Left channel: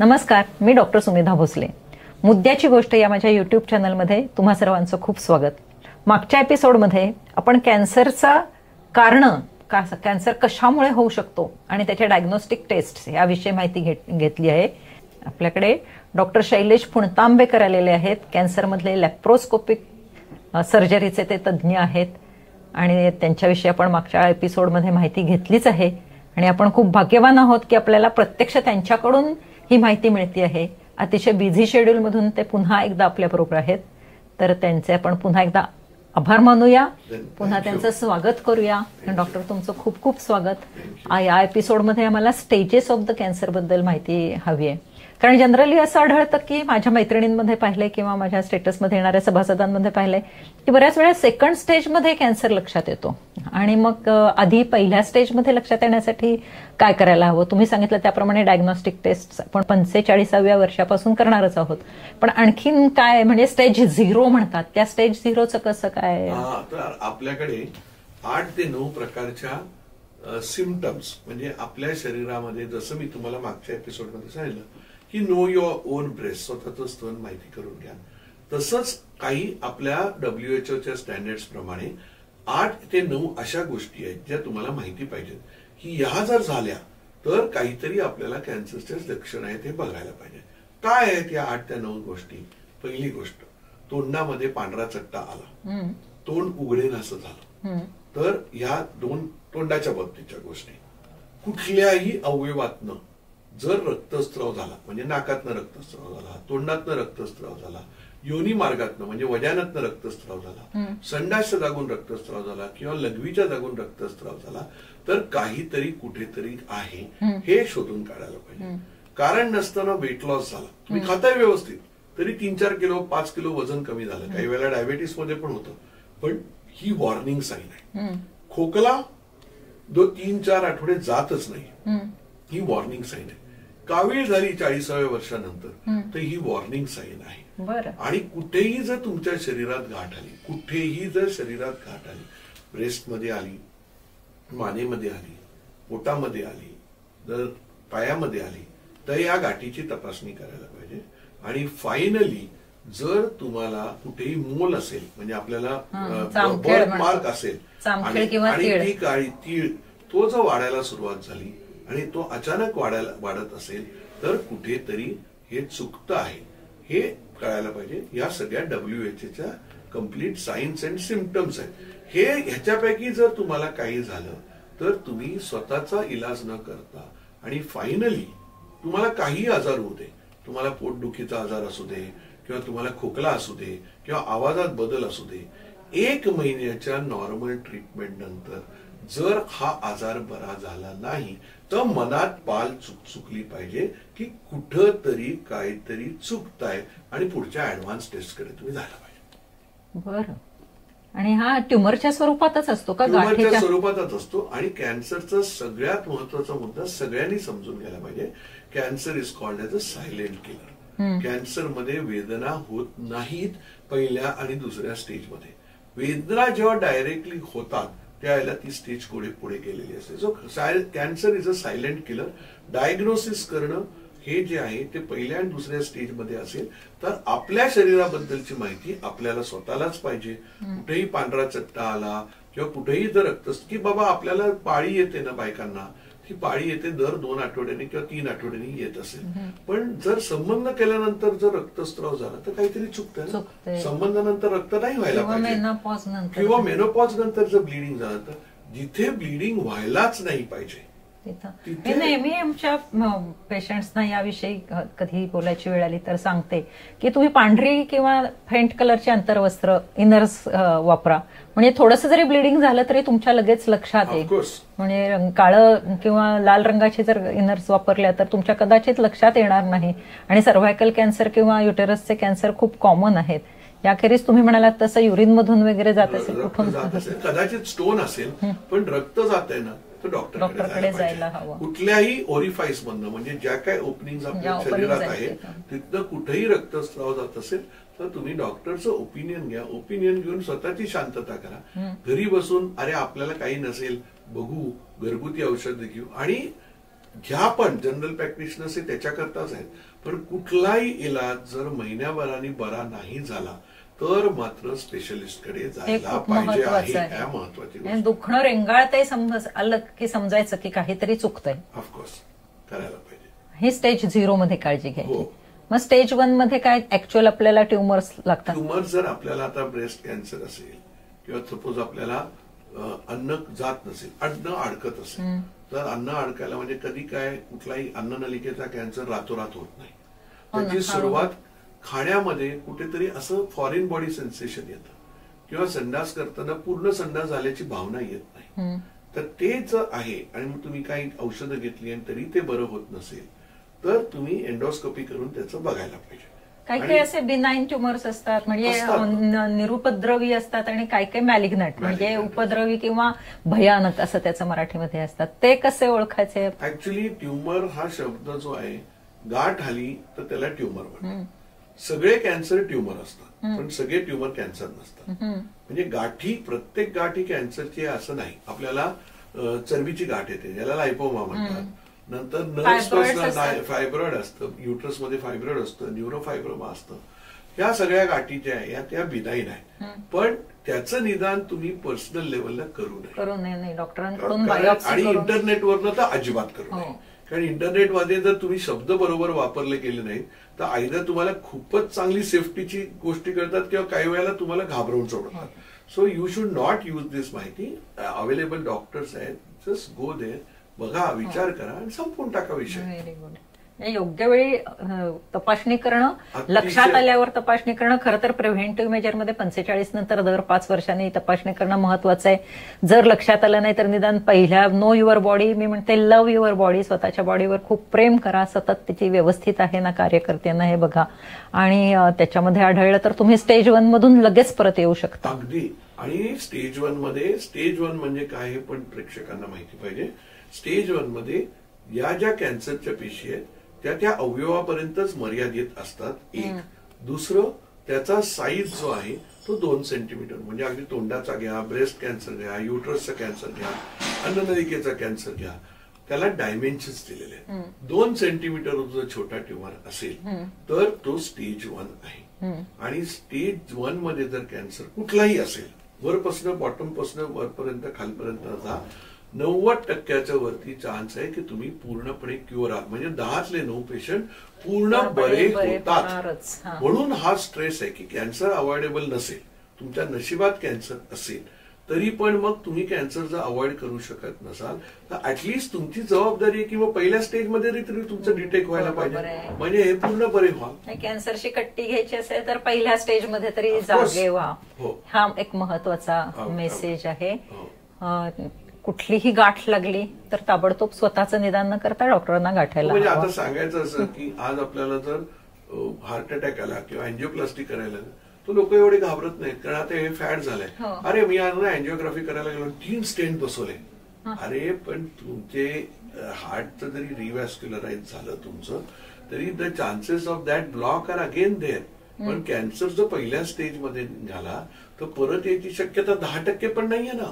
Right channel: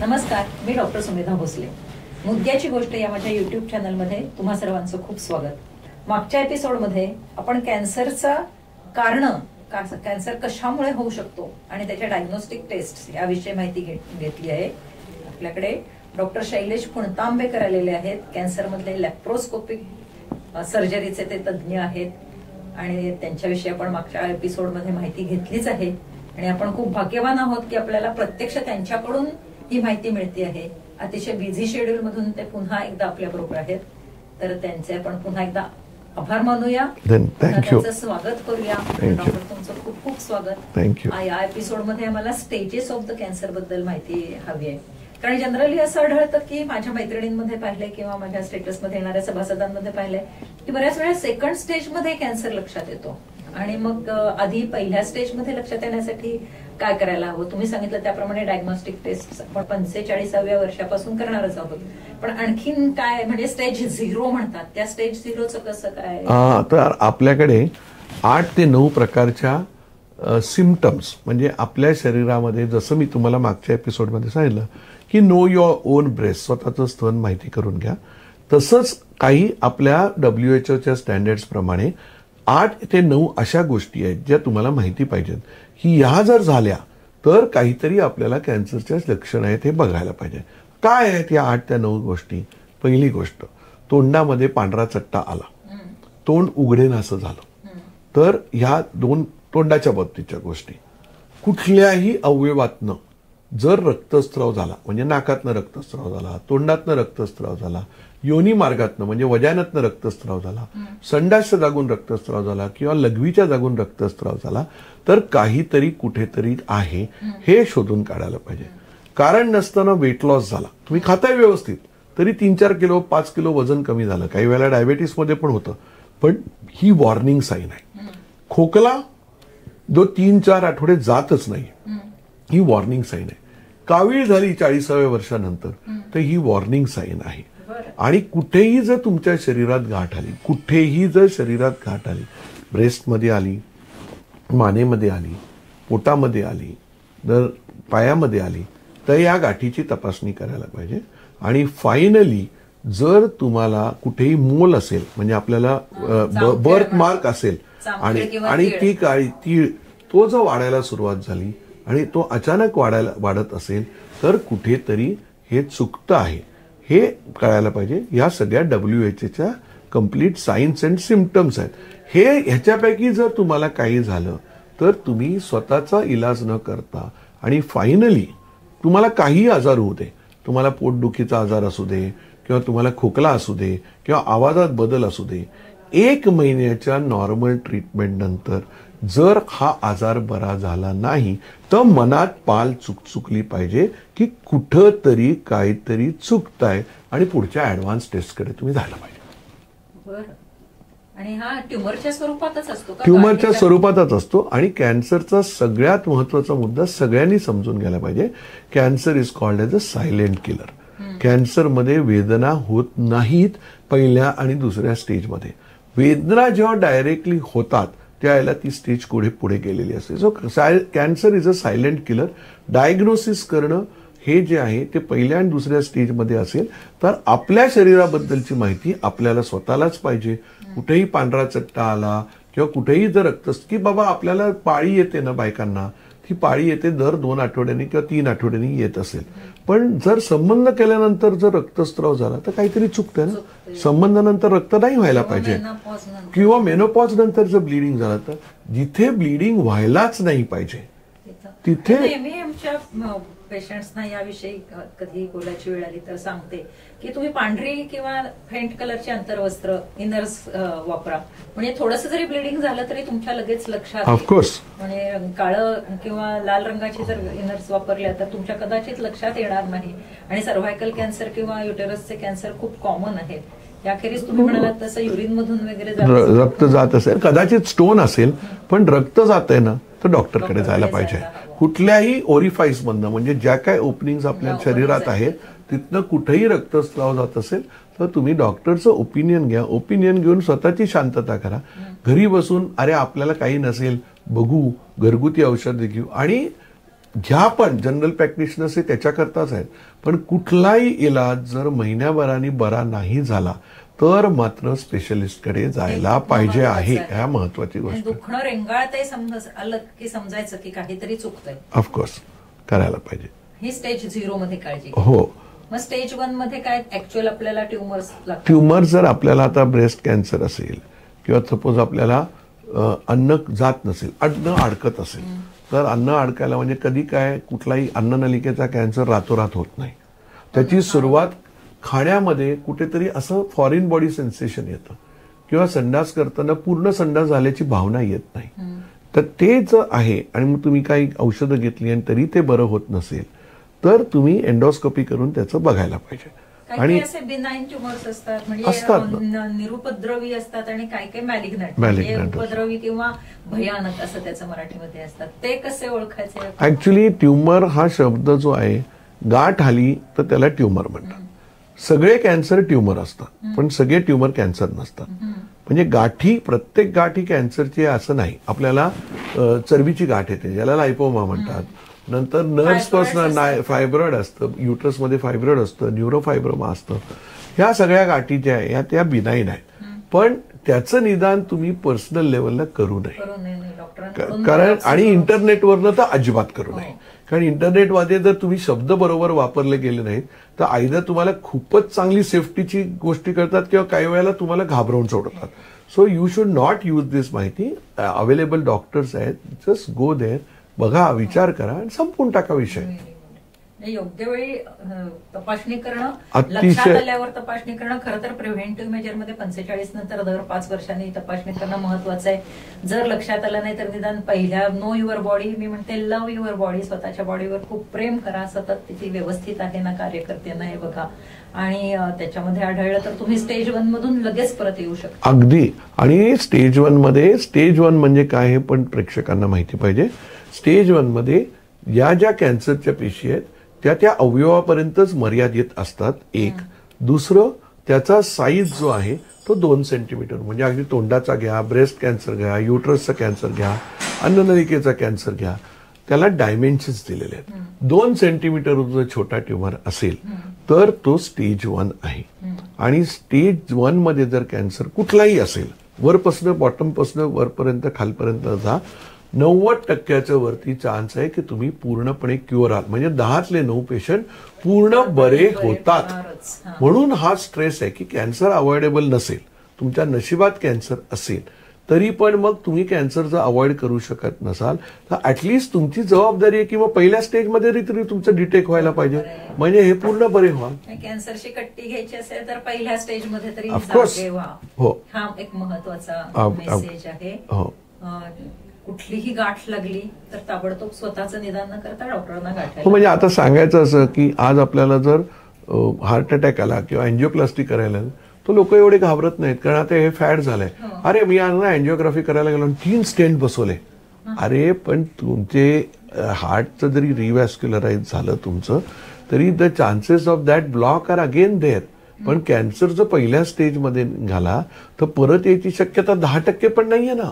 नमस्कार, मी डॉक्टर सुमेधा भोसले. मुद्द्याची गोष्ट या माझ्या यूट्यूब चॅनलमध्ये तुम्हा सर्वांचं खूप स्वागत. मागच्या एपिसोडमध्ये आपण कॅन्सरचा कॅन्सर कशामुळे होऊ शकतो आणि त्याच्या डायग्नोस्टिक टेस्ट याविषयी माहिती घेतली आहे. आपल्याकडे डॉक्टर शैलेश पुणतांबेकर आलेले आहेत. कॅन्सरमधले लॅप्रोस्कोपिक सर्जरीचे ते तज्ज्ञ आहेत आणि त्यांच्याविषयी आपण मागच्या एपिसोडमध्ये माहिती घेतलीच आहे. आणि आपण खूप भाग्यवान आहोत की आपल्याला प्रत्यक्ष त्यांच्याकडून ही माहिती मिळते आहे. अतिशय बिझी शेड्यूलमधून ते पुन्हा एकदा आपल्याबरोबर आहेत. तर त्यांचे आपण पुन्हा एकदा आभार मानूया, पुन्हा त्यांचं स्वागत करूया. डॉक्टर, तुमचं खूप खूप स्वागत. या एपिसोडमध्ये आम्हाला स्टेजेस ऑफ द कॅन्सर बद्दल माहिती हवी आहे. कारण जनरली असं आढळतं की माझ्या मैत्रिणींमध्ये पाहिलंय किंवा माझ्या स्टेटसमध्ये येणाऱ्या सभासदांमध्ये पाहिलंय की बऱ्याच वेळा सेकंड स्टेजमध्ये कॅन्सर लक्षात येतो आणि मग आधी पहिल्या स्टेजमध्ये लक्षात येण्यासाठी काय करायला हवं? तुम्ही सांगितलं त्याप्रमाणे डायग्नोस्टिक टेस्ट आपण 45व्या वर्षापासून करणारच आहोत. पण आणखीन काय, म्हणजे स्टेज 0 म्हणतात, त्या स्टेज 0चं कसं काय? तर आपल्याकडे 8 ते 9 प्रकारच्या सिम्पटम्स, म्हणजे आपल्या शरीरामध्ये, जसं मी तुम्हाला मागच्या एपिसोडमध्ये सांगितलं की नो युअर ओन ब्रेस्ट, स्वतःचं स्तन माहिती करून घ्या, तसंच काही आपल्या WHO स्टँडर्ड्स प्रमाणे 8 ते 9 अशा गोष्टी आहेत ज्या तुम्हाला माहिती पाहिजेत की ह्या जर झाल्या तर काहीतरी आपल्याला कॅन्सरच्या लक्षण आहेत हे बघायला पाहिजे. काय आहेत या 8 त्या 9 गोष्टी? पहिली गोष्ट, तोंडामध्ये पांढरा चट्टा आला, तोंड उघडेनासं झालं. तर ह्या 2 तोंडाच्या बाबतीच्या गोष्टी. कुठल्याही अवयवातनं जर रक्तस्राव झाला, म्हणजे नाकातनं रक्तस्राव झाला, तोंडातनं रक्तस्राव झाला, योनी मार्गातनं म्हणजे वजानातनं रक्तस्राव झाला, संडासच्या जागून रक्तस्राव झाला किंवा लघवीच्या जागून रक्तस्राव झाला, तर काहीतरी कुठेतरी आहे हे शोधून काढायला पाहिजे. कारण नसताना वेट लॉस झाला, तुम्ही खाताय व्यवस्थित तरी 3-4 किलो 5 किलो वजन कमी झालं, काही वेळेला डायबेटीसमध्ये पण होतं, पण ही वॉर्निंग साईन आहे. खोकला जो 3-4 आठवडे जातच नाही, ही वॉर्निंग साईन आहे. कावीळ झाली 40व्या वर्षानंतर, तर ही वॉर्निंग साईन आहे. आणि कुठेही जर तुमच्या शरीरात गाठ आली, कुठेही जर शरीरात गाठ आली, ब्रेस्टमध्ये आली, मानेमध्ये आली, पोटामध्ये आली, जर पायामध्ये आली, तर या गाठीची तपासणी करायला पाहिजे. आणि फायनली जर तुम्हाला कुठेही मोल असेल, म्हणजे आपल्याला बर्थ मार्क असेल आणि ती काळी तीळ तो जर वाढायला सुरुवात झाली आणि तो अचानक वाढत असेल, तर कुठेतरी हे चुकतं आहे हे कळायला पाहिजे. या सगळ्या WHO complete science and symptoms आहेत. ह्याच्यापैकी जर तुम्हाला काही झालं तर तुम्ही स्वतःचा इलाज न करता आणि फायनली तुम्हाला काही आजार होऊ दे, तुम्हाला पोटदुखीचा आजार असू दे किंवा तुम्हाला खोकला असू दे किंवा आवाजात बदल असू दे, 1 महिन्याच्या नॉर्मल ट्रीटमेंट नंतर जर हा आजार बरा झाला नाही तर मनात पाल चुकली पाहिजे की कुठंतरी काहीतरी चुकतंय आणि पुढच्या ऍडव्हान्स टेस्टकडे तुम्ही जायला पाहिजे. बरं. आणि हा ट्युमरच्या स्वरूपातच असतो का? ट्युमरच्या स्वरूपातच असतो. आणि कॅन्सरचा सगळ्यात महत्वाचा मुद्दा सगळ्यांनी समजून घ्यायला पाहिजे, cancer is called as a silent killer. कॅन्सरमध्ये वेदना होत नाहीत पहिल्या आणि दुसऱ्या स्टेजमध्ये. वेदना जेव्हा डायरेक्टली होतात त्यावेळेला ती स्टेज पुढे गेलेली असते. So cancer is a silent killer. Diagnosis करणं हे जे आहे ते पहिल्या आणि दुसऱ्या स्टेजमध्ये असेल तर आपल्या शरीराबद्दलची माहिती आपल्याला स्वतःलाच पाहिजे. कुठेही पांढरा चट्टा आला किंवा कुठेही जर की बाबा आपल्याला पाळी येते ना बायकांना, ती पाळी येते दर 2 आठवड्यांनी किंवा 3 आठवड्यांनी येत असेल, पण जर संबंध केल्यानंतर जर रक्तस्राव झाला तर काहीतरी चुकतंय ना. संबंधानंतर रक्त नाही व्हायला पाहिजे, किंवा मेनोपॉज नंतर जर ब्लिडिंग झालं तर जिथे ब्लिडिंग व्हायलाच नाही पाहिजे तिथे. नेहमी आमच्या पेशंट्सना याविषयी कधी बोलायची वेळ आली तर सांगते की तुम्ही पांढरी किंवा फेंट कलरची अंतर्वस्त्र इनर्स वापरा, म्हणजे थोडंसं जरी ब्लिडिंग झालं तरी तुमच्या लगेच लक्षात येईल. म्हणजे काळं किंवा लाल रंगाचे जर इनर्स वापरल्या तर तुमच्या कदाचित लक्षात येणार नाही. आणि सर्व्हायकल कॅन्सर किंवा युटेरसचे कॅन्सर खूप कॉमन आहेत. याखेरीज तुम्ही म्हणालात तसं युरिन मधून वगैरे रक्त जात असेल, कदाचित स्टोन असेल, पण रक्त जात आहे ना तर डॉक्टरकडे जायला पाहिजे. कुठल्याही ओरिफाईस मधनं, म्हणजे ज्या काय ओपनिंग आपल्या शरीरात आहेत तिथनं कुठेही रक्तस्राव जात असेल तर तुम्ही डॉक्टरचं ओपिनियन घ्या. ओपिनियन घेऊन स्वतःची शांतता करा. घरी बसून अरे आपल्याला काही नसेल, बघू, घरगुती औषध घेऊ आणि ह्या पण जनरल प्रॅक्टिशनर्स हे त्याच्याकरताच आहेत. पण कुठलाही इलाज जर महिन्याभराने बरा नाही झाला तर मात्र स्पेशलिस्टकडे जायला पाहिजे आहे. ह्या महत्वाची गोष्ट. दुखणं रेंगाळतही आलं की समजायचं की काहीतरी चुकतंय. ऑफकोर्स करायला पाहिजे. ही स्टेज 0 मध्ये काळजी घ्या. हो. मग स्टेज 1 मध्ये काय ऍक्च्युअल आपल्याला ट्युमर्स लागतात. ट्युमर जर आपल्याला आता ब्रेस्ट कॅन्सर असेल किंवा सपोज आपल्याला अन्न जात नसेल, अन्न अडकत असेल, तर अन्न अडकायला म्हणजे कधी काय कुठलाही अन्ननलिकेचा कॅन्सर रातोरात होत नाही. त्याची सुरुवात खाण्यामध्ये कुठेतरी असं फॉरेन बॉडी सेन्सेशन येतं किंवा संडास करताना पूर्ण संडास झाल्याची भावना येत नाही. तर ते जर आहे आणि मग तुम्ही काही औषधं घेतली आणि तरी ते बरं होत नसेल तर तुम्ही एंडोस्कोपी करून त्याचं बघायला पाहिजे. काही असे बिनाईन ट्युमर्स असतात म्हणजे निरुपद्रवी असतात आणि काही काही मॅलिग्नंट म्हणजे उपद्रवी किंवा भयानक असं त्याचं मराठीमध्ये असतात. ते कसे ओळखायचे. ऍक्च्युली ट्युमर हा शब्द जो आहे, गाठ आली तर त्याला ट्युमर म्हणतात. सगळे कॅन्सर ट्युमर असतात पण सगळे ट्युमर कॅन्सर नसतात. म्हणजे गाठी, प्रत्येक गाठी कॅन्सरची असं नाही. आपल्याला चरबीची गाठ येते ज्याला लायपोमा म्हणतात. नंतर नर्व्सपासून फायब्रॉइड असतं, युट्रसमध्ये फायब्रॉइड असतं, न्यूरोफायब्रोमा असतं. ह्या सगळ्या गाठी ज्या आहेत त्या बिनाईन आहेत. पण त्याचं निदान तुम्ही पर्सनल लेवलला करू नये. कारण आणि इंटरनेटवरनं तर अजिबात करू नये. कारण इंटरनेटमध्ये जर तुम्ही शब्द बरोबर वापरले गेले नाहीत तर आयदर तुम्हाला खूपच चांगली सेफ्टीची गोष्टी करतात किंवा काही वेळेला तुम्हाला घाबरवून सोडतात. So you should not use this माहिती. अवेलेबल डॉक्टर्स आहेत, जस्ट गो देअर, बघा, विचार करा आणि संपून टाका विषय. योग्य वेळी तपासणी करणं, लक्षात आल्यावर तपासणी करणं. खरं तर प्रिव्हेंटिव्ह मेजरमध्ये 45 नंतर दर 5 वर्षांनी तपासणी करणं महत्वाचं आहे. जर लक्षात आलं नाही तर निदान पहिल्या नो युअर बॉडी, मी म्हणते लव्ह युअर बॉडी, स्वतःच्या बॉडीवर खूप प्रेम करा, सतत त्याची व्यवस्थित आहे ना, कार्य करते ना हे बघा. आणि त्याच्यामध्ये आढळलं तर तुम्ही स्टेज 1 मधून लगेच परत येऊ शकता. अगदी. आणि स्टेज 1 मध्ये, स्टेज 1 म्हणजे काय हे पण प्रेक्षकांना माहिती पाहिजे. स्टेज 1 मध्ये या ज्या कॅन्सरच्या पेशी आहेत त्या अवयवापर्यंतच मर्यादित असतात. एक. दुसरं, त्याचा साईज जो आहे तो 2 सेंटीमीटर, म्हणजे अगदी तोंडाचा घ्या, ब्रेस्ट कॅन्सर घ्या, युट्रसचा कॅन्सर घ्या, अन्ननलिकेचा कॅन्सर घ्या, त्याला डायमेन्शन्स दिलेले आहेत. 2 सेंटीमीटर जर छोटा ट्युमर असेल तर तो स्टेज 1 आहे. आणि स्टेज 1 मध्ये जर कॅन्सर कुठलाही असेल, वरपासून बॉटमपासून वरपर्यंत खालपर्यंत जा, 90% वरती चान्स आहे की तुम्ही पूर्णपणे क्युअर आहात. म्हणजे 10तले 9 पेशंट पूर्ण बरे होतात. म्हणून हा स्ट्रेस आहे की कॅन्सर अवॉइडेबल नसेल, तुमच्या नशिबात कॅन्सर असेल तरी पण मग तुम्ही कॅन्सर जर अवॉइड करू शकत नसाल तर ऍटलिस्ट तुमची जबाबदारी आहे की मग पहिल्या स्टेजमध्ये तरी तुमचं डिटेक्ट व्हायला पाहिजे, म्हणजे हे पूर्ण बरे व्हा. कॅन्सरची कट्टी घ्यायची असेल तर पहिल्या स्टेजमध्ये तरी जागे व्हा. हा एक महत्वाचा मेसेज आहे. कुठलीही गाठ लागली तर ताबडतोब स्वतःचं निदान न करता डॉक्टरांना गाठायला. म्हणजे आता सांगायचं असं की आज आपल्याला जर हार्ट अटॅक आला किंवा अँजिओप्लास्टी करायला तर लोक एवढे घाबरत नाहीत, कारण आता हे फॅड झालंय. अरे मी आज ना अँजिओग्राफी करायला गेलो 3 स्टेंट बसवले. अरे पण तुमचे हार्टचं जरी रिव्हॅस्क्युलराइज झालं तुमचं तरी the chances of that block are again there. पण कॅन्सर जर पहिल्या स्टेजमध्ये झाला तर परत याची शक्यता 10% पण नाहीये ना.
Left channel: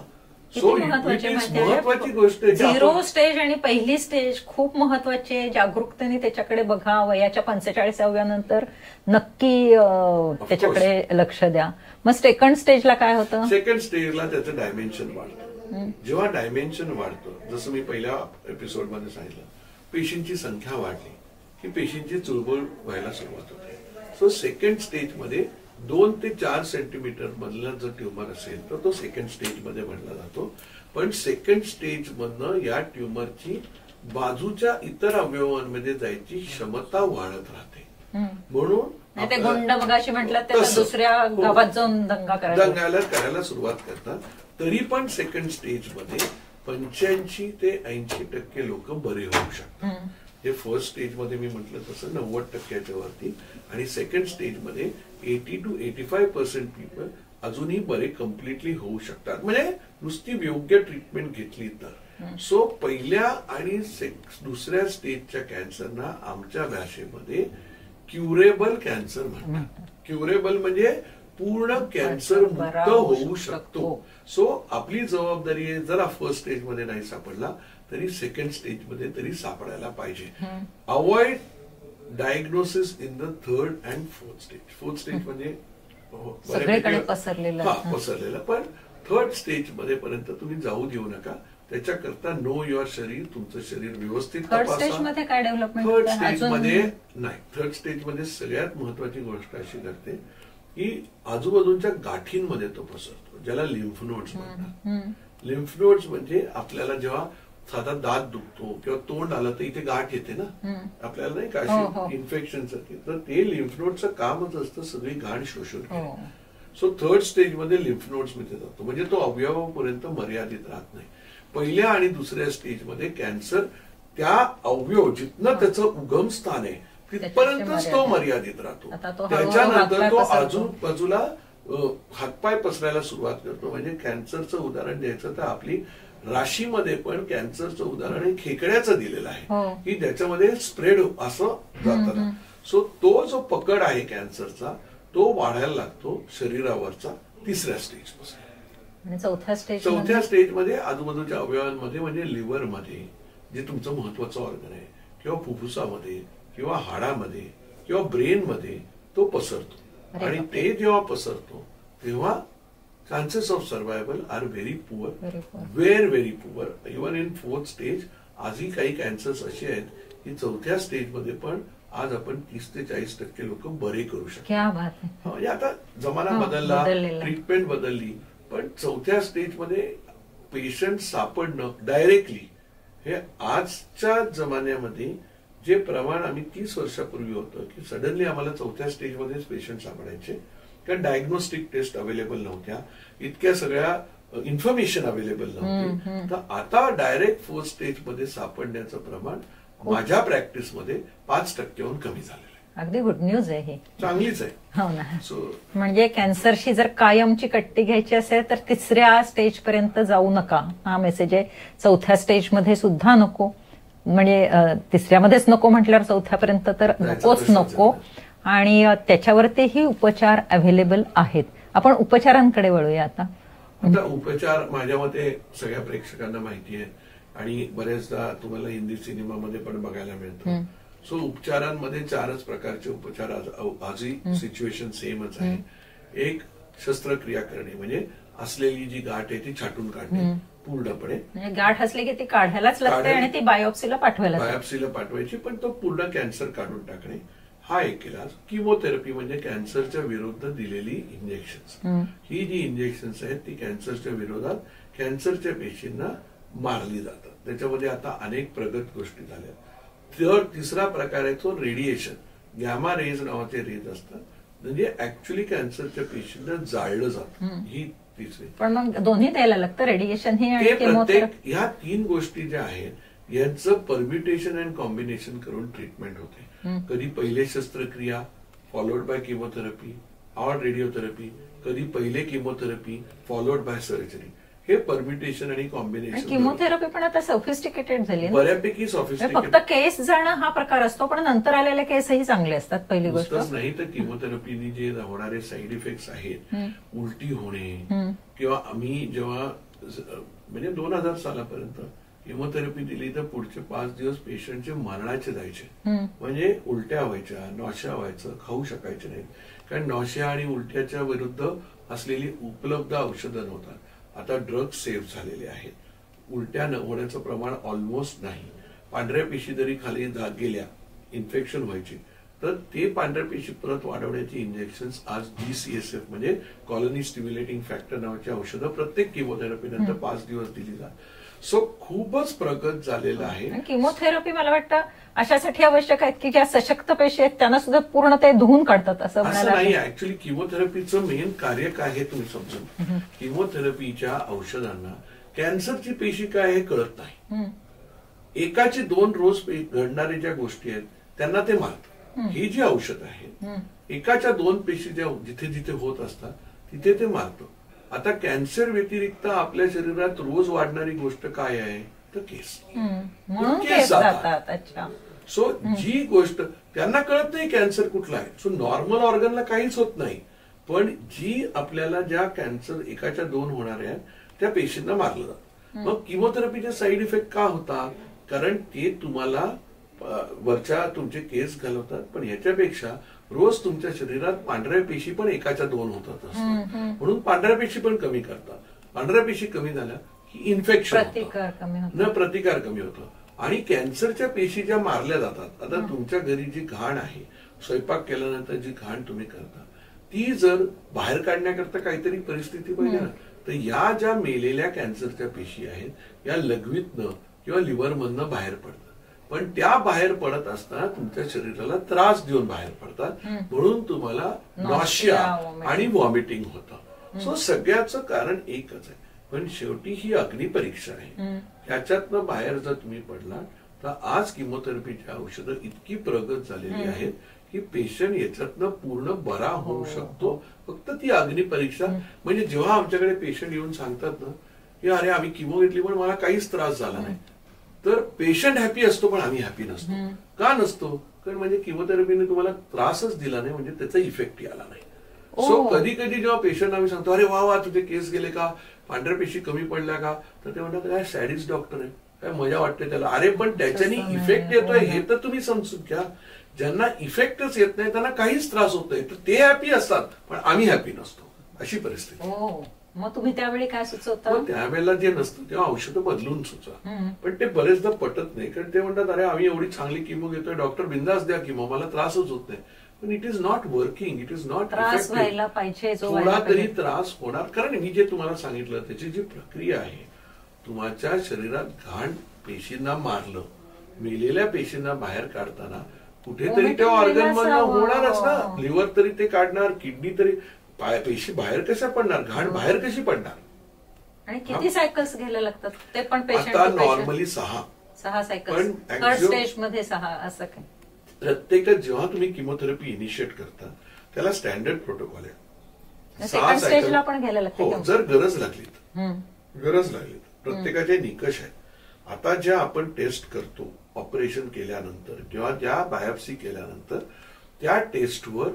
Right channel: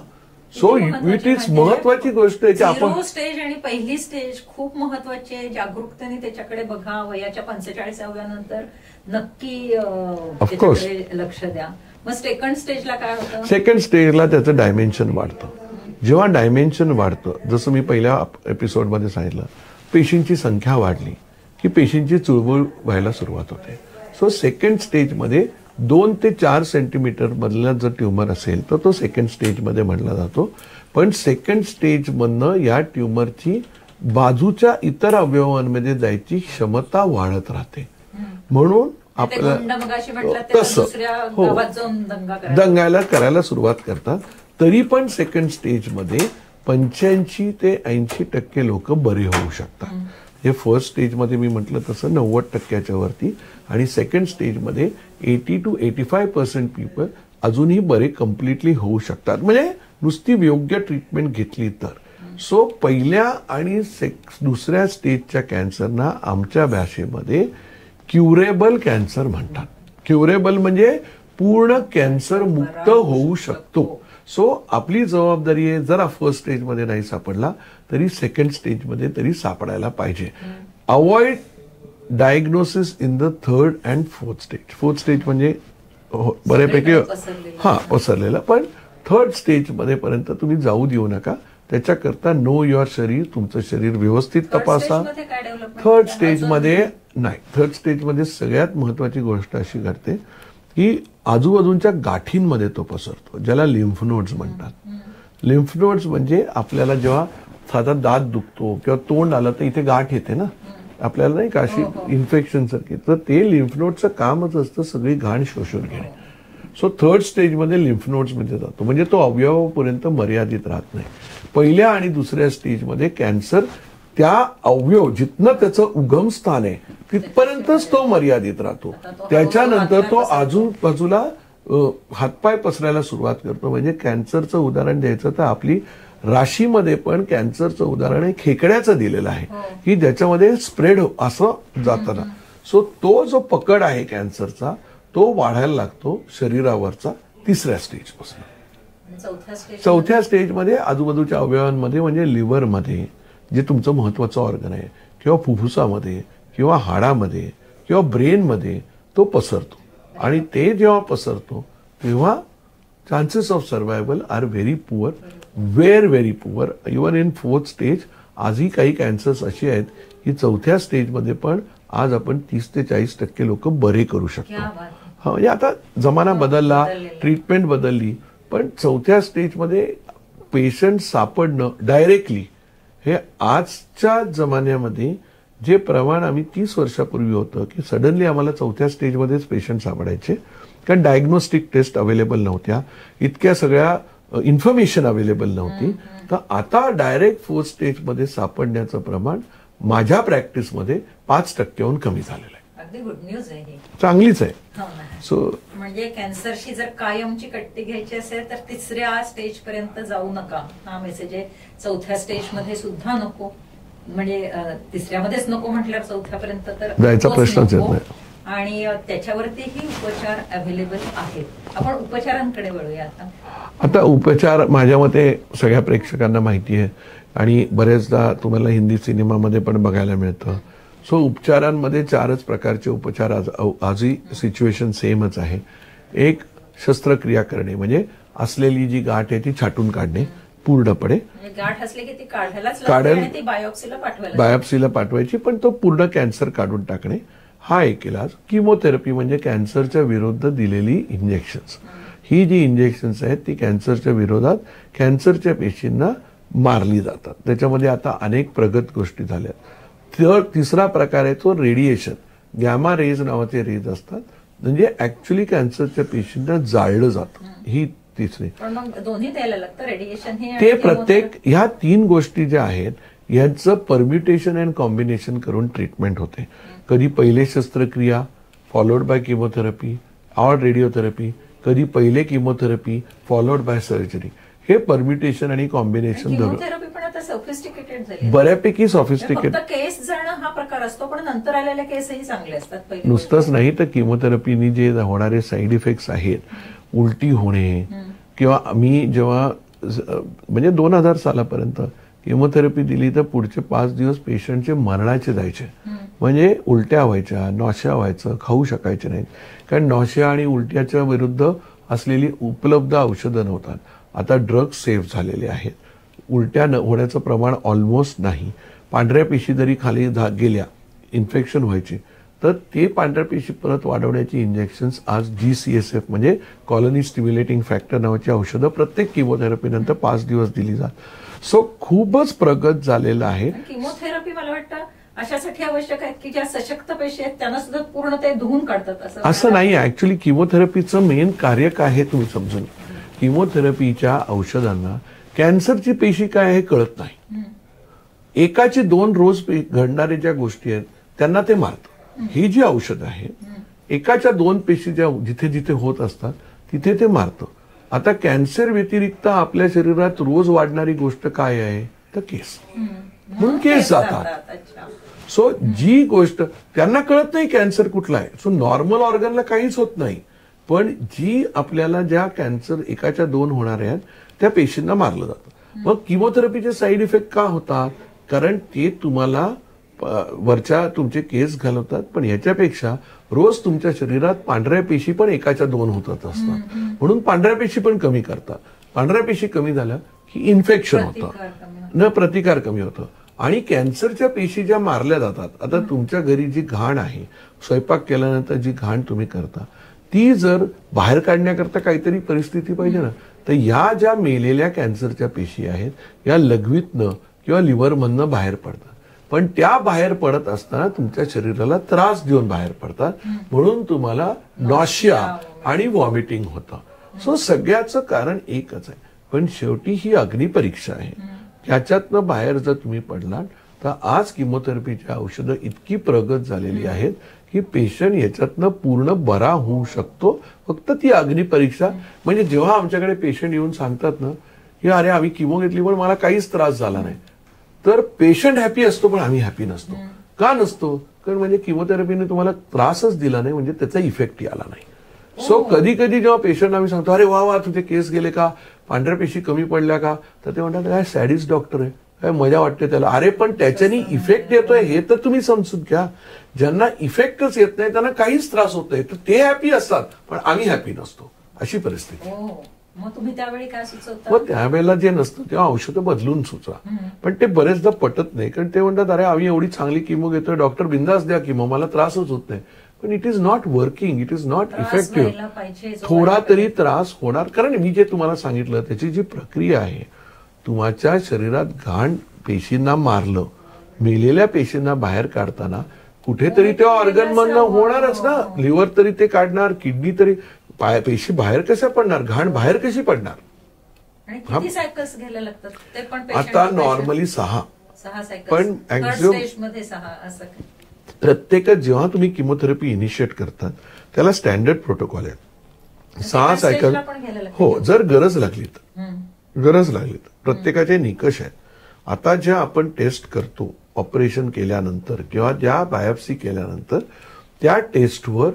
सो इट इज महत्वाची गोष्ट आहे की झिरो स्टेज आणि पहिली स्टेज खूप महत्वाची आहे. जागरूकतेने त्याच्याकडे बघा. वयाच्या 45व्या नंतर नक्की त्याच्याकडे लक्ष द्या. मग सेकंड स्टेजला काय होतं? सेकंड स्टेजला त्याचं डायमेन्शन वाढतं. जेव्हा डायमेन्शन वाढतं, जसं मी पहिल्या एपिसोडमध्ये सांगितलं, पेशींची संख्या वाढली की पेशींची चुळबुळ व्हायला सुरुवात होते. सो सेकंड स्टेजमध्ये 2 ते 4 सेंटीमीटर मधला जर ट्युमर असेल तर तो सेकंड स्टेजमध्ये म्हणला जातो. पण सेकंड स्टेजमधनं या ट्युमरची बाजूच्या इतर अवयवांमध्ये जायची क्षमता वाढत राहते. म्हणून दंगायला करायला सुरुवात करतात. तरी पण सेकंड स्टेजमध्ये 85 ते 80% लोक बरे होऊ शकतात. हे फर्स्ट स्टेजमध्ये मी म्हटलं तसं 90% वरती, आणि सेकंड स्टेजमध्ये 80 to 85% पीपल अजूनही बरे कम्प्लिटली होऊ शकतात, म्हणजे नुसती योग्य ट्रीटमेंट घेतली तर. सो पहिल्या आणि दुसऱ्या स्टेजच्या कॅन्सरना आमच्या भाषेमध्ये क्युरेबल कॅन्सर म्हणतात. क्युरेबल म्हणजे पूर्ण कॅन्सर मुक्त होऊ शकतो. सो आपली जबाबदारी आहे, जरा फर्स्ट स्टेजमध्ये नाही सापडला तरी सेकंड स्टेजमध्ये तरी सापडायला पाहिजे. Avoid diagnosis in the third and fourth stage. Fourth stage म्हणजे बऱ्यापैकी पसरलेला, पण थर्ड स्टेज मध्ये पर्यंत तुम्ही जाऊ देऊ नका. त्याच्याकरता नो युअर शरीर, तुमचं शरीर व्यवस्थित तपासा. थर्ड स्टेजमध्ये नाही, थर्ड स्टेजमध्ये सगळ्यात महत्वाची गोष्ट अशी घडते की आजूबाजूच्या गाठींमध्ये तो पसरतो, ज्याला लिम्फ नोड्स म्हणतात. लिम्फ नोड्स म्हणजे आपल्याला जेव्हा साधा दात दुखतो किंवा तोंड आलं तर इथे गाठ येते ना आपल्याला, नाही का, अशी इन्फेक्शन सारखी. तर ते लिम्फ नोडचं कामच असतं सगळी घाण शोषून घेणे. सो थर्ड स्टेजमध्ये लिम्फ नोड्स मध्ये जातो, म्हणजे तो अवयवापर्यंत मर्यादित राहत नाही. पहिल्या आणि दुसऱ्या स्टेजमध्ये कॅन्सर त्या अवयव जिथनं त्याचं उगम स्थान आहे तिथपर्यंतच तो मर्यादित राहतो. त्याच्यानंतर तो आजूबाजूला हातपाय पसरायला सुरुवात करतो. म्हणजे कॅन्सरचं उदाहरण द्यायचं तर आपली राशीमध्ये पण कॅन्सरचं उदाहरण आहे खेकड्याचं दिलेलं आहे की ज्याच्यामध्ये स्प्रेड असं जाताना. सो तो जो पकड आहे कॅन्सरचा तो वाढायला लागतो शरीरावरचा तिसऱ्या स्टेजपासून. चौथ्या स्टेजमध्ये आजूबाजूच्या अवयवांमध्ये म्हणजे लिव्हरमध्ये जे तुमचं महत्वाचं ऑर्गन आहे किंवा फुफ्फुसामध्ये किंवा हाडामध्ये किंवा ब्रेनमध्ये तो पसरतो. आणि ते जेव्हा पसरतो तेव्हा chances of survival are very poor, very poor. Even in fourth stage आजही काही कॅन्सर्स अशी आहेत की चौथ्या स्टेजमध्ये पण आज आपण 30 ते 40% लोक बरे करू शकतो. म्हणजे आता जमाना बदलला, ट्रीटमेंट बदलली, पण चौथ्या स्टेजमध्ये पेशंट सापडणं डायरेक्टली हे आजच्या जमान्यामध्ये जे प्रमाण आम्ही 30 वर्षापूर्वी होतं की सडनली आम्हाला चौथ्या स्टेजमध्येच पेशंट सापडायचे, कारण डायग्नोस्टिक टेस्ट अवेलेबल नव्हत्या, इतक्या सगळ्या इन्फॉर्मेशन अवेलेबल नव्हती. तर आता डायरेक्ट फोर्थ स्टेजमध्ये सापडण्याचं प्रमाण माझ्या प्रॅक्टिसमध्ये 5%हून कमी झालेलं आहे. अगदी गुड न्यूज आहे, चांगलीच आहे. हो ना. सो म्हणजे कॅन्सरशी जर कायमची कट्टी घ्यायची असेल तर तिसऱ्या स्टेज पर्यंत जाऊ नका, हा मेसेज आहे. चौथ्या स्टेजमध्ये सुद्धा नको, म्हणजे तिसऱ्यामध्येच नको म्हटल्यावर चौथ्यापर्यंत तर नको. आणि त्याच्यावरतीही उपचार अवेलेबल आहेत. आपण उपचारांकडे वळूया आता. उपचार माझ्या मते सगळ्या प्रेक्षकांना माहिती आहे आणि बरेचदा तुम्हाला हिंदी सिनेमामध्ये पण बघायला मिळतं. सो उपचारांमध्ये 4च प्रकारचे उपचार आजही सिच्युएशन सेमच आहे. एक, शस्त्रक्रिया करणे, म्हणजे असलेली जी गाठ आहे ती छाटून काढणे पूर्णपणे. गाठ असली की ती काढायलाच लागते आणि ती बायोप्सीला पाठवायची, पण तो पूर्ण कॅन्सर काढून टाकणे हा एक इलाज. किमोथेरपी म्हणजे कॅन्सरच्या विरुद्ध दिलेली इंजेक्शन्स. ही जी इंजेक्शन्स आहेत ती कॅन्सरच्या विरोधात कॅन्सरच्या पेशींना मारली जातात. त्याच्यामध्ये आता अनेक प्रगत गोष्टी झाल्या. तर तिसरा प्रकार आहे तो रेडिएशन. गॅमा रेज नावाचे रेज असतात, म्हणजे ऍक्च्युअली कॅन्सरच्या पेशींना जाळलं जातं. ही तिसरी. पण मग दोन्ही द्यायला लागतं, रेडिएशन ते प्रत्येक ह्या 3 गोष्टी ज्या आहेत यांचं परम्युटेशन अँड कॉम्बिनेशन करून ट्रीटमेंट होते. कधी पहिले शस्त्रक्रिया followed by chemotherapy or radiotherapy, कधी पहिले किमोथेरपी फॉलोड बाय सर्जरी. हे परम्युटेशन आणि कॉम्बिनेशन. किमोथेरपी पण आता सोफिस्टिकेटेड झाली, बऱ्यापैकी सोफिस्टिकेटेड. फक्त केस जाणं हा प्रकार असतो, पण नंतर आलेले केसही चांगले असतात. पहिली नुसतंच नाही तर किमोथेरपीनी जे होणारे साईड इफेक्ट्स आहेत, उलटी होणे, किंवा मी जेव्हा म्हणजे 2000 सालापर्यंत किमोथेरपी दिली तर पुढचे 5 दिवस पेशंटचे मरणाचे जायचे. म्हणजे उलट्या व्हायच्या, नॉशिया व्हायचं, खाऊ शकायचे नाहीत, कारण नॉशिया आणि उलट्याच्या विरुद्ध असलेली उपलब्ध औषधं नव्हतात. आता ड्रग्स सेफ झालेले आहेत, उलट्या होण्याचं प्रमाण ऑलमोस्ट नाही. पांढऱ्या पेशी जरी खाली गेल्या, इन्फेक्शन व्हायची, तर ते पांढऱ्या पेशी परत वाढवण्याची इंजेक्शन्स आज GCSF म्हणजे कॉलनी स्टिम्युलेटिंग फॅक्टर नावाची औषधं प्रत्येक किमोथेरपी नंतर 5 दिवस दिली जातात. सो खूपच प्रगत झालेलं आहे. किमोथेरपी मला वाटतं अशासाठी आवश्यक आहेत की ज्या सशक्त पेशी आहेत त्यांना सुद्धा पूर्ण ते धुवून काढतात, असं नाही. ऍक्च्युली किमोथेरपीचं मेन कार्य काय आहे तुम्ही समजून. किमोथेरपीच्या औषधांना कॅन्सरची पेशी काय आहे कळत नाही. एकाची 2 रोज घडणाऱ्या ज्या गोष्टी आहेत त्यांना ते मारतं. ही जी औषध आहे एकाच्या 2 पेशी ज्या जिथे जिथे होत असतात तिथे ते मारतं. आता कॅन्सर व्यतिरिक्त आपल्या शरीरात रोज वाढणारी गोष्ट काय आहे तर केस. केस जातात. सो जी गोष्ट त्यांना कळत नाही कॅन्सर कुठला आहे. सो नॉर्मल ऑर्गनला काहीच होत नाही, पण जी आपल्याला ज्या कॅन्सर एकाच्या 2 होणार आहेत त्या पेशींना मारलं जातं. मग किमोथेरपीचे साईड इफेक्ट का होतात? कारण ते तुम्हाला वरच्या तुमचे केस घालवतात, पण याच्यापेक्षा रोज तुमच्या शरीरात पांढऱ्या पेशी पण एकाच्या 2 होतात असतात, म्हणून पांढऱ्या पेशी पण कमी करतात. पांढऱ्या पेशी कमी झाल्या की इन्फेक्शन होतं, न प्रतिकार कमी होतं. आणि कॅन्सरच्या पेशी ज्या मारल्या जातात, आता तुमच्या घरी जी घाण आहे, स्वयंपाक केल्यानंतर जी घाण तुम्ही करता, ती जर बाहेर काढण्याकरता काहीतरी परिस्थिती पाहिजे ना, तर या ज्या मेलेल्या कॅन्सरच्या पेशी आहेत या लघवीतनं किंवा लिव्हरमधनं बाहेर पडतात. पण त्या बाहेर पडत असताना तुमच्या शरीराला त्रास देऊन बाहेर पडतात, म्हणून तुम्हाला नॉशिया आणि व्हॉमिटिंग होतं. सो सगळ्याचं कारण एकच आहे, पण शेवटी ही अग्निपरीक्षा आहे. त्याच्यातनं बाहेर जर तुम्ही पडलात तर आज किमोथेरपीची औषधं इतकी प्रगत झालेली आहेत की पेशंट याच्यातनं पूर्ण बरा होऊ शकतो. फक्त ती अग्निपरीक्षा, म्हणजे जेव्हा आमच्याकडे पेशंट येऊन सांगतात ना की अरे आम्ही किमो घेतली पण मला काहीच त्रास झाला नाही, तर पेशंट हॅपी असतो पण आम्ही हॅपी नसतो. का नसतो? कारण म्हणजे किमोथेरपीने तुम्हाला त्रासच दिला नाही, म्हणजे त्याचा इफेक्ट आला नाही. सो कधी कधी जेव्हा पेशंट आम्ही सांगतो अरे वा वा तुझे केस गेले का, पांढऱ्या पेशी कमी पडल्या का, तर ते म्हणतात काय सॅडिस्ट डॉक्टर आहे, काय मजा वाटते त्याला. अरे पण त्याच्याने इफेक्ट येतोय हे तर तुम्ही समजून घ्या. ज्यांना इफेक्टच येत नाही त्यांना काहीच त्रास होत नाही, तर ते हॅपी असतात पण आम्ही हॅपी नसतो, अशी परिस्थिती. मग तुम्ही त्यावेळी काय सुचवता? मग त्यावेळेला जे नसतं तेव्हा औषधं बदलून सुचवा. पण ते बरेचदा पटत नाही, कारण ते म्हणतात अरे आम्ही एवढी चांगली किमो घेतोय, डॉक्टर बिंदास द्या किमो, मला त्रासच होत नाही. पण it is not working, it is not effective. थोडा तरी त्रास होणार, कारण मी जे तुम्हाला सांगितलं त्याची जी प्रक्रिया आहे, तुमच्या शरीरात घाण पेशींना मारलं, मेलेल्या पेशींना बाहेर काढताना कुठेतरी त्या ऑर्गन मधनं होणारच ना. लिव्हर तरी ते काढणार, किडनी तरी, पेशी बाहेर कशा पडणार, घाण बाहेर कशी पडणार? आणि किती सायकल्स घ्यायला लागतात ते पण? आता नॉर्मली 6 सायकल्स, पण स्टेजमध्ये 6 असं काय? प्रत्येक जेव्हा तुम्ही किमोथेरपी इनिशिएट करतात त्याला स्टँडर्ड प्रोटोकॉल आहे. 6 सायकल हो, जर गरज लागली तर प्रत्येकाचे निकष आहेत. आता ज्या आपण टेस्ट करतो ऑपरेशन केल्यानंतर किंवा ज्या बायोप्सी केल्यानंतर त्या टेस्टवर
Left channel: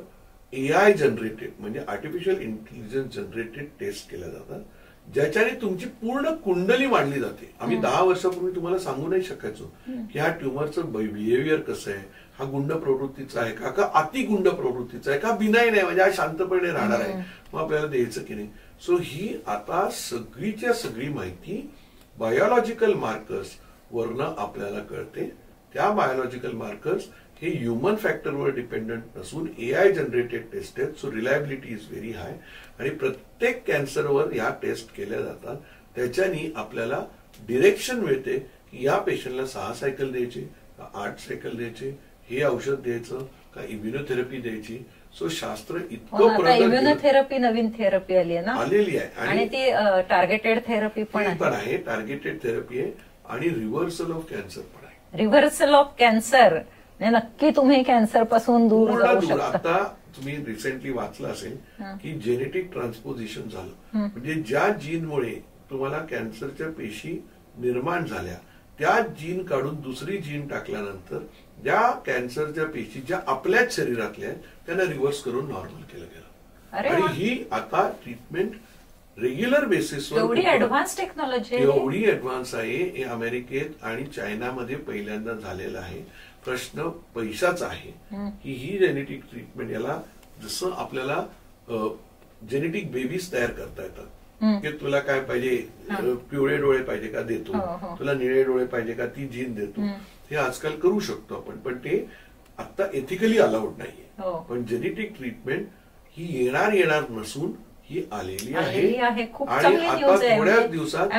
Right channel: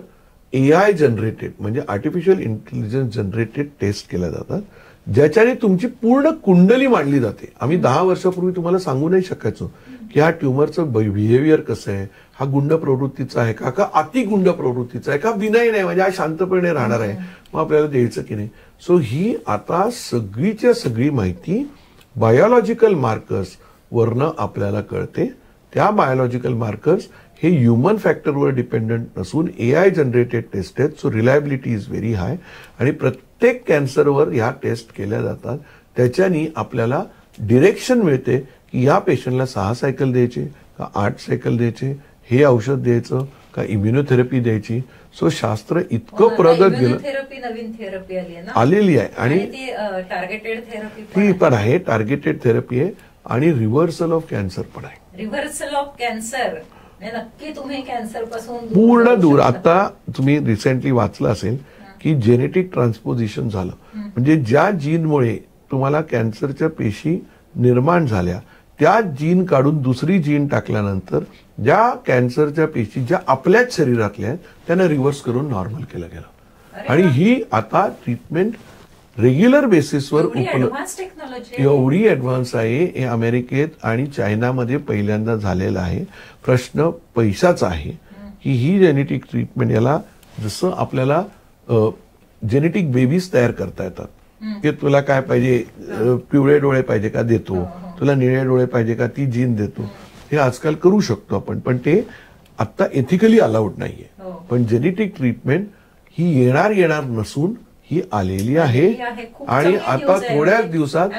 AI जनरेटेड म्हणजे आर्टिफिशियल इंटेलिजन्स जनरेटेड टेस्ट केल्या जातात, ज्याच्याने तुमची पूर्ण कुंडली मांडली जाते. आम्ही 10 वर्षापूर्वी तुम्हाला सांगू नाही शकायचो की हा ट्युमरचं बिहेवियर कसं आहे, हा गुंड प्रवृत्तीचा आहे का अति गुंड प्रवृत्तीचा आहे का बिनाईन आहे, म्हणजे हा शांतपणे राहणार आहे, मग आपल्याला द्यायचं की नाही. सो ही आता सगळीच्या सगळी माहिती बायोलॉजिकल मार्कर्स वरनं आपल्याला कळते. त्या बायोलॉजिकल मार्कर्स हे ह्युमन फॅक्टरवर डिपेंडंट नसून AI जनरेटेड टेस्ट आहेत. So reliability is very high आणि प्रत्येक कॅन्सरवर ह्या टेस्ट केल्या जातात. त्याच्यानी आपल्याला डिरेक्शन मिळते की या पेशंटला 6 सायकल द्यायचे का 8 सायकल द्यायचे, हे औषध द्यायचं का इम्युनोथेरपी द्यायची. सो शास्त्र इतकं प्रगत इम्युनोथेरपी नवीन थेरपी आलेली आहे आणि ती टार्गेटेड थेरपी पण आहे, टार्गेटेड थेरपी आहे आणि रिव्हर्सल ऑफ कॅन्सर पण आहे. रिव्हर्सल ऑफ कॅन्सर नक्की तुम्ही कॅन्सर पासून पूर्ण दूर. आता तुम्ही रिसेंटली वाचलं असेल की जेनेटिक ट्रान्सपोजिशन झालं, म्हणजे ज्या जीनमुळे तुम्हाला कॅन्सरच्या पेशी निर्माण झाल्या त्या जीन काढून दुसरी जीन टाकल्यानंतर ज्या कॅन्सरच्या पेशी ज्या आपल्याच शरीरातल्या आहेत त्यांना रिव्हर्स करून नॉर्मल केलं गेलं. आणि ही आता ट्रीटमेंट रेग्युलर बेसिसवर एवढी ऍडव्हान्स आहे. हे अमेरिकेत आणि चायनामध्ये पहिल्यांदा झालेलं आहे. प्रश्न पैशाचा आहे की ही जेनेटिक ट्रीटमेंट, याला जसं आपल्याला जेनेटिक बेबीज तयार करता येतात की तुला काय पाहिजे, पिवळे डोळे पाहिजे का देतो, तुला निळे डोळे पाहिजे का ती जीन देतो, हे आजकाल करू शकतो आपण. पण ते आता एथिकली अलाउड नाहीये. पण जेनेटिक ट्रीटमेंट ही येणार नसून ही आलेली आहे आणि आता थोड्याच दिवसात.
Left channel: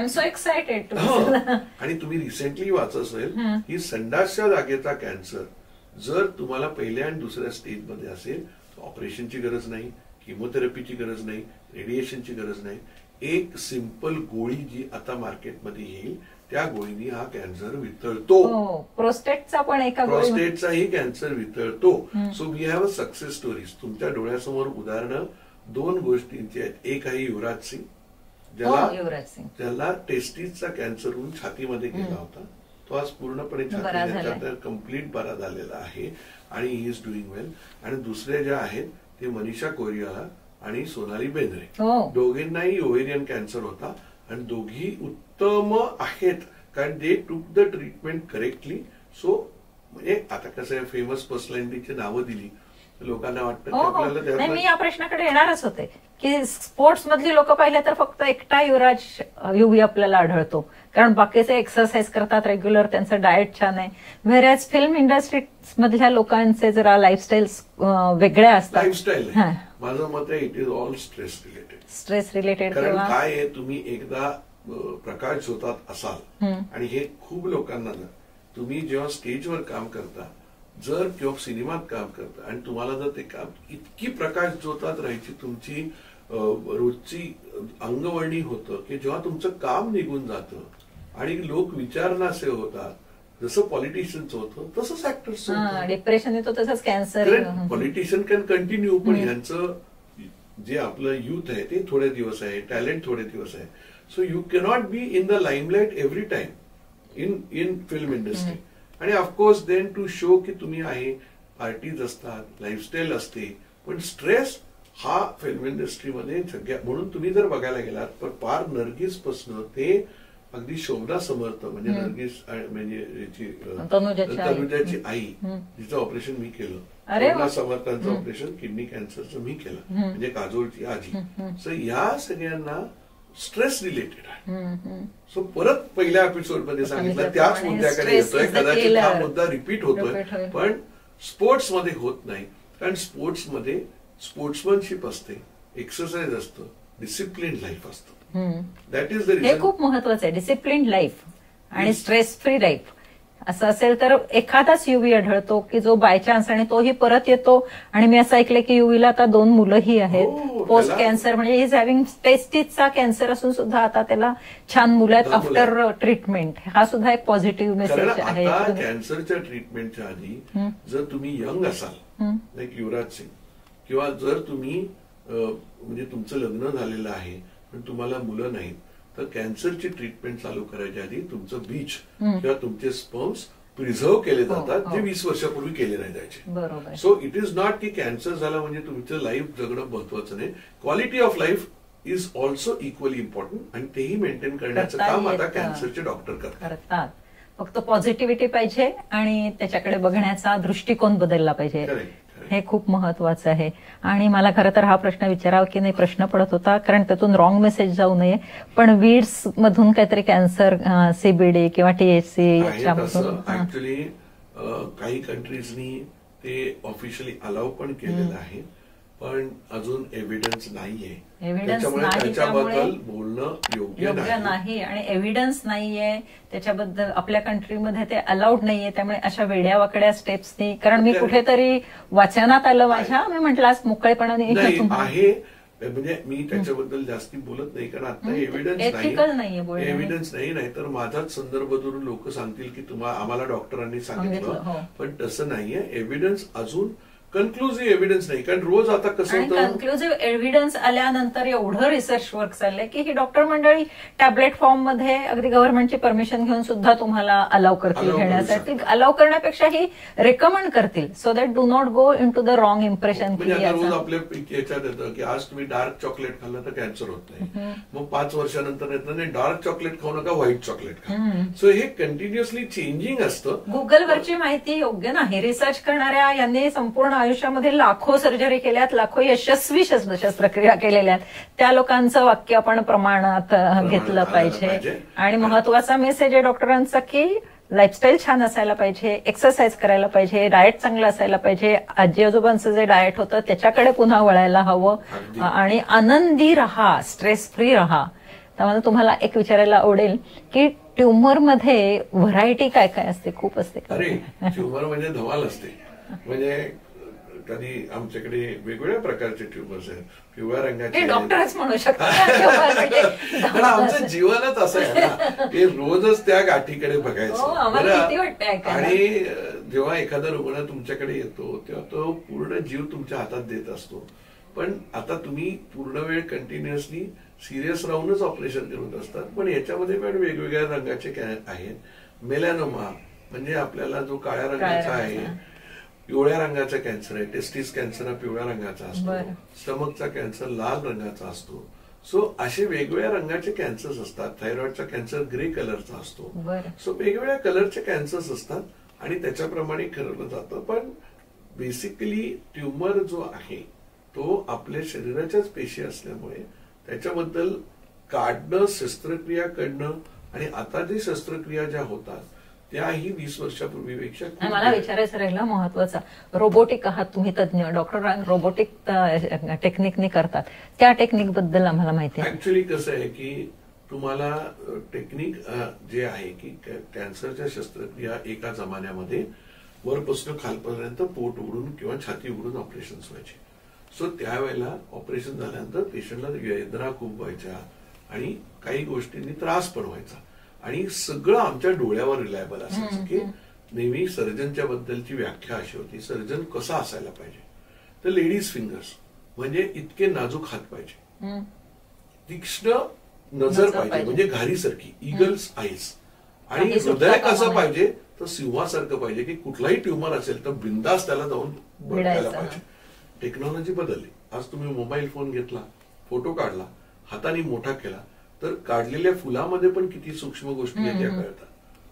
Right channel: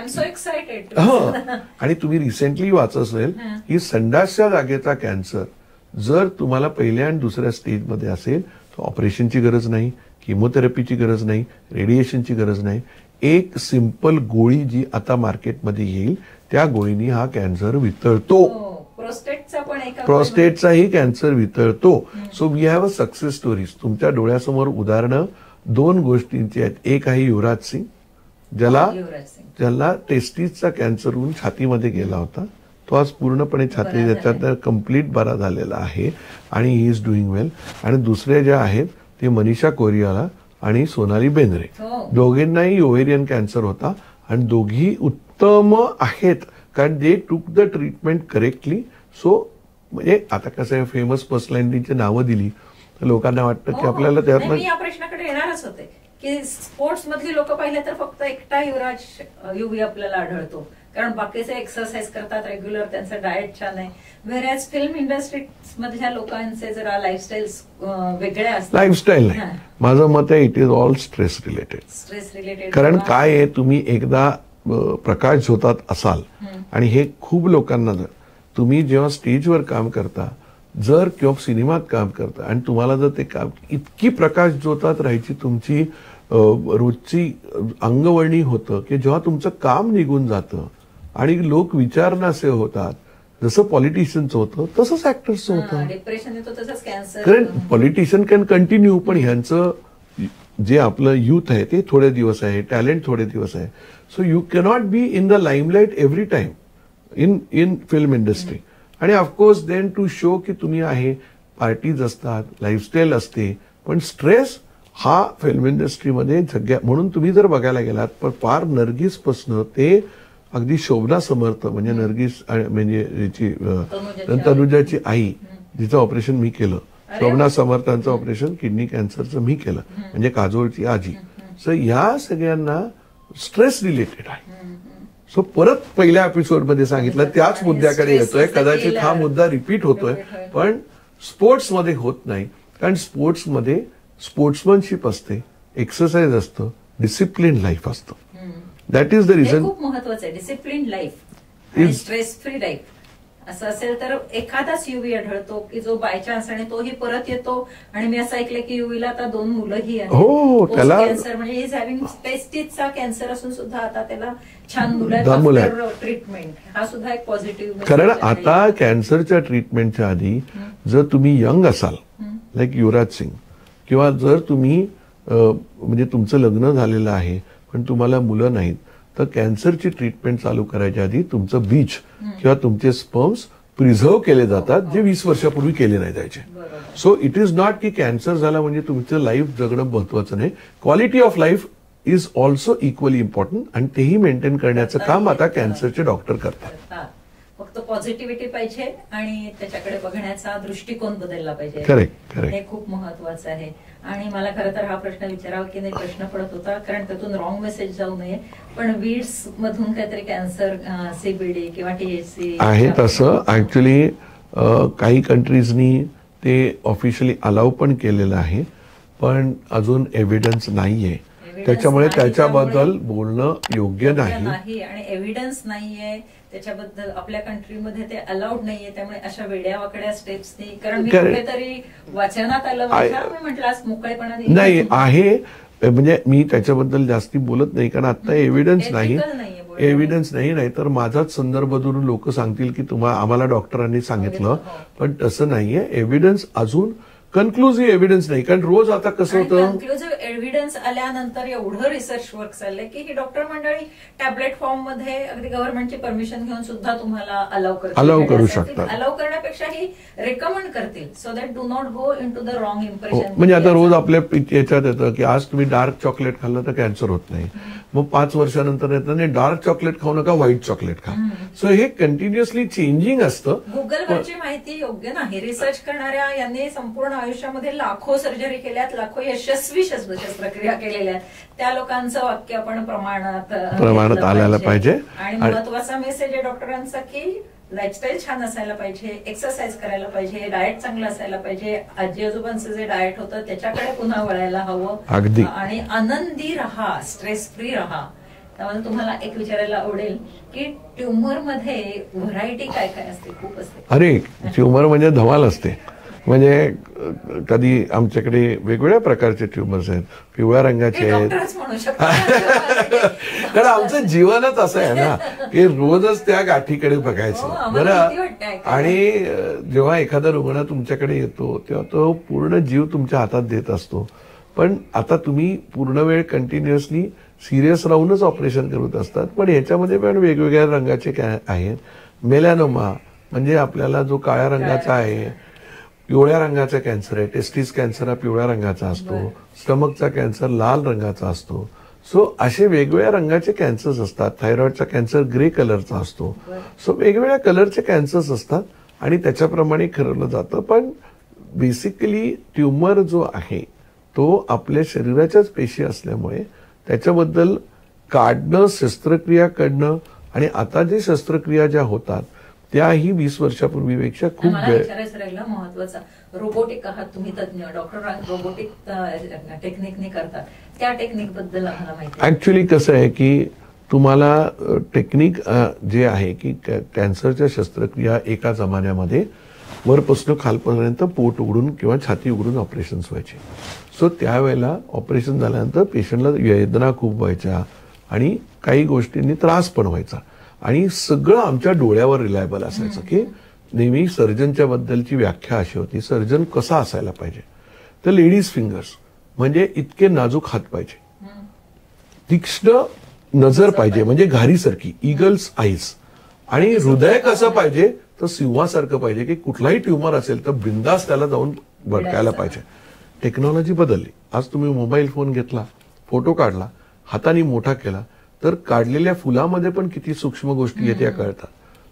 आणि तुम्ही रिसेंटली वाचत असेल की संडासच्या जागेचा कॅन्सर जर तुम्हाला पहिल्या आणि दुसऱ्या स्टेजमध्ये असेल तर ऑपरेशनची गरज नाही, किमोथेरपीची गरज नाही, रेडिएशनची गरज नाही. एक सिंपल गोळी जी आता मार्केटमध्ये येईल त्या गोळीनी हा कॅन्सर वितळतो. प्रोस्टेटचाही कॅन्सर वितळतो. So we have a success stories. तुमच्या डोळ्यासमोर उदाहरणं 2 गोष्टींची आहेत. एक आहे युवराज सिंग, ज्याला टेस्टिसचा कॅन्सर होऊन छातीमध्ये गेला होता. तो आज पूर्णपणे छाती त्याच्यात कम्प्लीट बरा झालेला आहे आणि ही इज डुईंग वेल. आणि दुसरे जे आहेत ते मनीषा कोइराला आणि सोनाली बेंद्रे हो. दोघींनाही ओव्हेरियन कॅन्सर होता आणि दोघी उत्तम आहेत कारण दे took the treatment correctly. So म्हणजे आता कसं आहे फेमस पर्सनॅलिटीची नावं दिली तर लोकांना वाटतं की आपल्याला नाही, त्यातनं मी या प्रश्नाकडे येणारच होते की स्पोर्ट्स मधली लोक पाहिले तर फक्त एकटा युवी आपल्याला आढळतो कारण बाकीचे एक्सरसाइज करतात रेग्युलर, त्यांचं डाएट छान आहे. व्हेरॅज फिल्म इंडस्ट्री मधल्या लोकांचे जरा लाईफस्टाईल वेगळ्या असतात. लाईफस्टाईल नाही, माझं मत आहे it is all stress related. कारण काय आहे, तुम्ही एकदा प्रकाश झोतात असाल आणि हे खूप लोकांना तुम्ही जेव्हा स्टेजवर काम करता जर किंवा सिनेमात काम करता आणि तुम्हाला जर ते काम इतकी प्रकाश झोतात राहायची तुमची रोजची अंगवळणी होतं की जेव्हा तुमचं काम निघून जातं आणि लोक विचारणारे होतात, जसं पॉलिटिशियनचं होतं तसंच ऍक्टर्सचं होतं. डिप्रेशन येतो तसंच कॅन्सर. कारण पॉलिटिशियन कॅन कंटिन्यू पण ह्यांचं जे आपलं युथ आहे ते थोडे दिवस आहे, टॅलेंट थोडे दिवस आहे. So you cannot be in the limelight every time in film industry. आणि ऑफकोर्स देन टू शो की तुम्ही आहे, पार्टीज असतात, लाईफस्टाईल असते, पण स्ट्रेस हा फिल्म इंडस्ट्रीमध्ये सगळ्या म्हणून तुम्ही जर बघायला गेलात तर फार नर्गिसपासनं ते अगदी शोभना समर्थ म्हणजे नर्गिस म्हणजे तनुजाची आई जिचं ऑपरेशन मी केलं, शोभना समर्थांचं ऑपरेशन किडनी कॅन्सरचं मी केलं, म्हणजे काजोळची आजी. सो या सगळ्यांना स्ट्रेस रिलेटेड आहे. सो परत पहिल्या एपिसोडमध्ये सांगितलं त्याच मुद्द्याकडे येतोय. कदाचित हा मुद्दा रिपीट होतोय पण स्पोर्ट्समध्ये होत नाही कारण स्पोर्ट्समध्ये स्पोर्ट्समनशिप असते, एक्सरसाइज असतं, डिसिप्लिन लाईफ असतं. That is the reason. खूप महत्वाचं आहे डिसिप्लिन लाईफ आणि स्ट्रेस फ्री लाईफ. असं असेल तर एखादाच युवी आढळतो की जो बाय चान्स आणि तोही परत येतो. आणि मी असं ऐकलं की युवीला आता 2 मुलंही आहेत. पोस्ट कॅन्सर म्हणजे इज हॅव्हिंग टेस्टिसचा कॅन्सर असून सुद्धा आता त्याला छान मुलं आहेत आफ्टर ट्रीटमेंट. हा सुद्धा एक पॉझिटिव्ह मेसेज आहे. कारण आता कॅन्सरच्या ट्रीटमेंटच्या आधी जर तुम्ही यंग असाल लाईक युवराज सिंग किंवा जर तुम्ही म्हणजे तुमचं लग्न झालेलं आहे पण तुम्हाला मुलं नाहीत तर कॅन्सरची ट्रीटमेंट चालू करायच्या आधी तुमचं बीज किंवा तुमचे स्पर्म्स प्रिझर्व्ह केले जातात जे 20 वर्षापूर्वी केले नाही जायचे. सो इट इज नॉट की कॅन्सर झाला म्हणजे तुमचं लाईफ जगणं महत्वाचं नाही. Quality of life is also equally important आणि तेही मेंटेन करण्याचं काम आता कॅन्सरचे डॉक्टर करतात. फक्त पॉझिटिव्हिटी पाहिजे आणि त्याच्याकडे बघण्याचा दृष्टिकोन बदलला पाहिजे. हे खूप महत्वाचं आहे. आणि मला खरं तर हा प्रश्न विचारावा की नाही प्रश्न पडत होता कारण त्यातून रॉंग मेसेज जाऊ नये. पण वीड्स मधून काहीतरी कॅन्सर सीबीडी किंवा टीएचसी आहे तसं ऍक्च्युली काही कंट्रीजनी ते ऑफिशियली अलाउ पण केलेलं आहे पण अजून एव्हिडन्स नाहीये. त्याच्यामुळे त्याच्याबद्दल बोलणं योग्य नाही आणि एव्हिडन्स नाहीये त्याच्याबद्दल आपल्या कंट्रीमध्ये ते अलाउड नाहीये. त्यामुळे अशा वेड्या वाकड्या स्टेप्सनी कारण मी कुठेतरी वाचनात आलं माझ्या मी म्हटलं आज मोकळेपणाने नाही आहे म्हणजे मी त्याच्याबद्दल जास्ती बोलत नाही कारण आता एव्हिडन्स नाही. एव्हिडन्स नाही तर माझाच संदर्भ धरून लोक सांगतील की आम्हाला डॉक्टरांनी सांगितलं पण तसं नाहीये. एव्हिडन्स अजून कन्क्लुझिव्ह एव्हिडन्स नाही कारण रोज आता कसं होतं कन्क्लुझिव्ह एव्हिडन्स आल्यानंतर एवढं रिसर्च वर्क चाललंय की ही डॉक्टर मंडळी टॅबलेट फॉर्म मध्ये अगदी गव्हर्नमेंटची परमिशन घेऊन सुद्धा तुम्हाला अलाव करतील. अलाव करण्यापेक्षा ही रेकमेंड करतील so that do not go into the wrong impression. म्हणजे आता रोज आपल्या याच्यात येतं की आज तुम्ही डार्क चॉकलेट खाल्लं तर कॅन्सर होत नाही. मग 5 वर्षानंतर येतं नाही डार्क चॉकलेट खाऊ नका व्हाईट चॉकलेट खा. सो हे कंटिन्युअसली चेंजिंग असतं. गुगलवरची माहिती योग्य नाही. रिसर्च करणाऱ्या यांनी संपूर्ण आयुष्यामध्ये लाखो सर्जरी केल्यात, लाखो यशस्वी शस्त्रक्रिया केलेल्या आहेत. त्या लोकांचं वाक्य आपण प्रमाणात आणायला पाहिजे. आणि महत्वाचा मेसेज आहे डॉक्टरांचा की लाईफस्टाईल छान असायला पाहिजे, एक्सरसाइज करायला पाहिजे, डाएट चांगलं असायला पाहिजे. आजी आजोबांचं जे डाएट होतं त्याच्याकडे पुन्हा वळायला हवं आणि आनंदी राहा, स्ट्रेस फ्री राहा. त्यामुळे तुम्हाला एक विचारायला आवडेल की ट्युमरमध्ये व्हरायटी काय काय असते? खूप असते. अरे ट्युमर म्हणजे धमाल असते. म्हणजे कधी आमच्याकडे वेगवेगळ्या प्रकारचे ट्युमर्स आहेत. पिवळ्या रंगाचे आहेत कारण आमचं जीवनच असं आहे ना की रोजच त्या गाठीकडे बघायचं बरं. आणि जेव्हा एखादा रुग्ण तुमच्याकडे येतो तेव्हा तो पूर्ण जीव तुमच्या हातात देत असतो. पण आता तुम्ही पूर्ण वेळ कंटिन्युअसली सिरियस राहूनच ऑपरेशन करत असतात. पण ह्याच्यामध्ये पण वेगवेगळ्या रंगाचे आहेत. मेलॅनोमा म्हणजे आपल्याला जो काळ्या रंगाचा आहे पिवळ्या रंगाचा कॅन्सर आहे, टेस्टिस कॅन्सर हा पिवळ्या रंगाचा असतो, स्टमकचा कॅन्सर लाल रंगाचा असतो. सो असे वेगवेगळ्या रंगाचे कॅन्सर्स असतात. थायरॉइडचा कॅन्सर ग्रे कलरचा असतो. सो वेगवेगळ्या कलरचे कॅन्सर्स असतात आणि त्याच्याप्रमाणे ठरवलं जातं. पण बेसिकली ट्युमर जो आहे तो आपल्या शरीराच्याच पेशी असल्यामुळे त्याच्याबद्दल काढणं, शस्त्रक्रिया करणं आणि आता जे शस्त्रक्रिया ज्या होतात त्याही 20 वर्षापूर्वीपेक्षा खूप मला विचारायचं राहिलं महत्वाचा, रोबोटिक आहात तुम्ही तज्ञ, डॉक्टर रोबोटिक टेक्निकने करतात, त्या टेक्निक बद्दल आम्हाला माहिती आहे. ऍक्च्युली कसं आहे की तुम्हाला टेक्निक जे आहे की कॅन्सरच्या शस्त्रक्रिया एका जमान्यामध्ये वरपासून खालपर्यंत पोट उघडून किंवा छाती उघडून ऑपरेशन्स व्हायचे. सो त्यावेळेला ऑपरेशन झाल्यानंतर पेशंटला वेदना खूप व्हायच्या आणि काही गोष्टींनी त्रास पण व्हायचा आणि सगळं आमच्या डोळ्यावर रिलायबल असायचं. की नेहमी सर्जनच्या बद्दलची व्याख्या अशी होती, सर्जन कसा असायला पाहिजे तर लेडीज फिंगर्स म्हणजे इतके नाजूक हात पाहिजे, तीक्ष्ण नजर पाहिजे म्हणजे घारीसारखी, इगल्स आईज, आणि हृदय कसं पाहिजे तर सिंहासारखं पाहिजे की कुठलाही ट्युमर असेल तर बिंदास त्याला जाऊन भडकायला पाहिजे. टेक्नॉलॉजी बदलली. आज तुम्ही मोबाईल फोन घेतला, फोटो काढला, हाताने मोठा केला तर काढलेल्या फुलामध्ये पण किती सूक्ष्म गोष्टी आहेत त्या कळतात.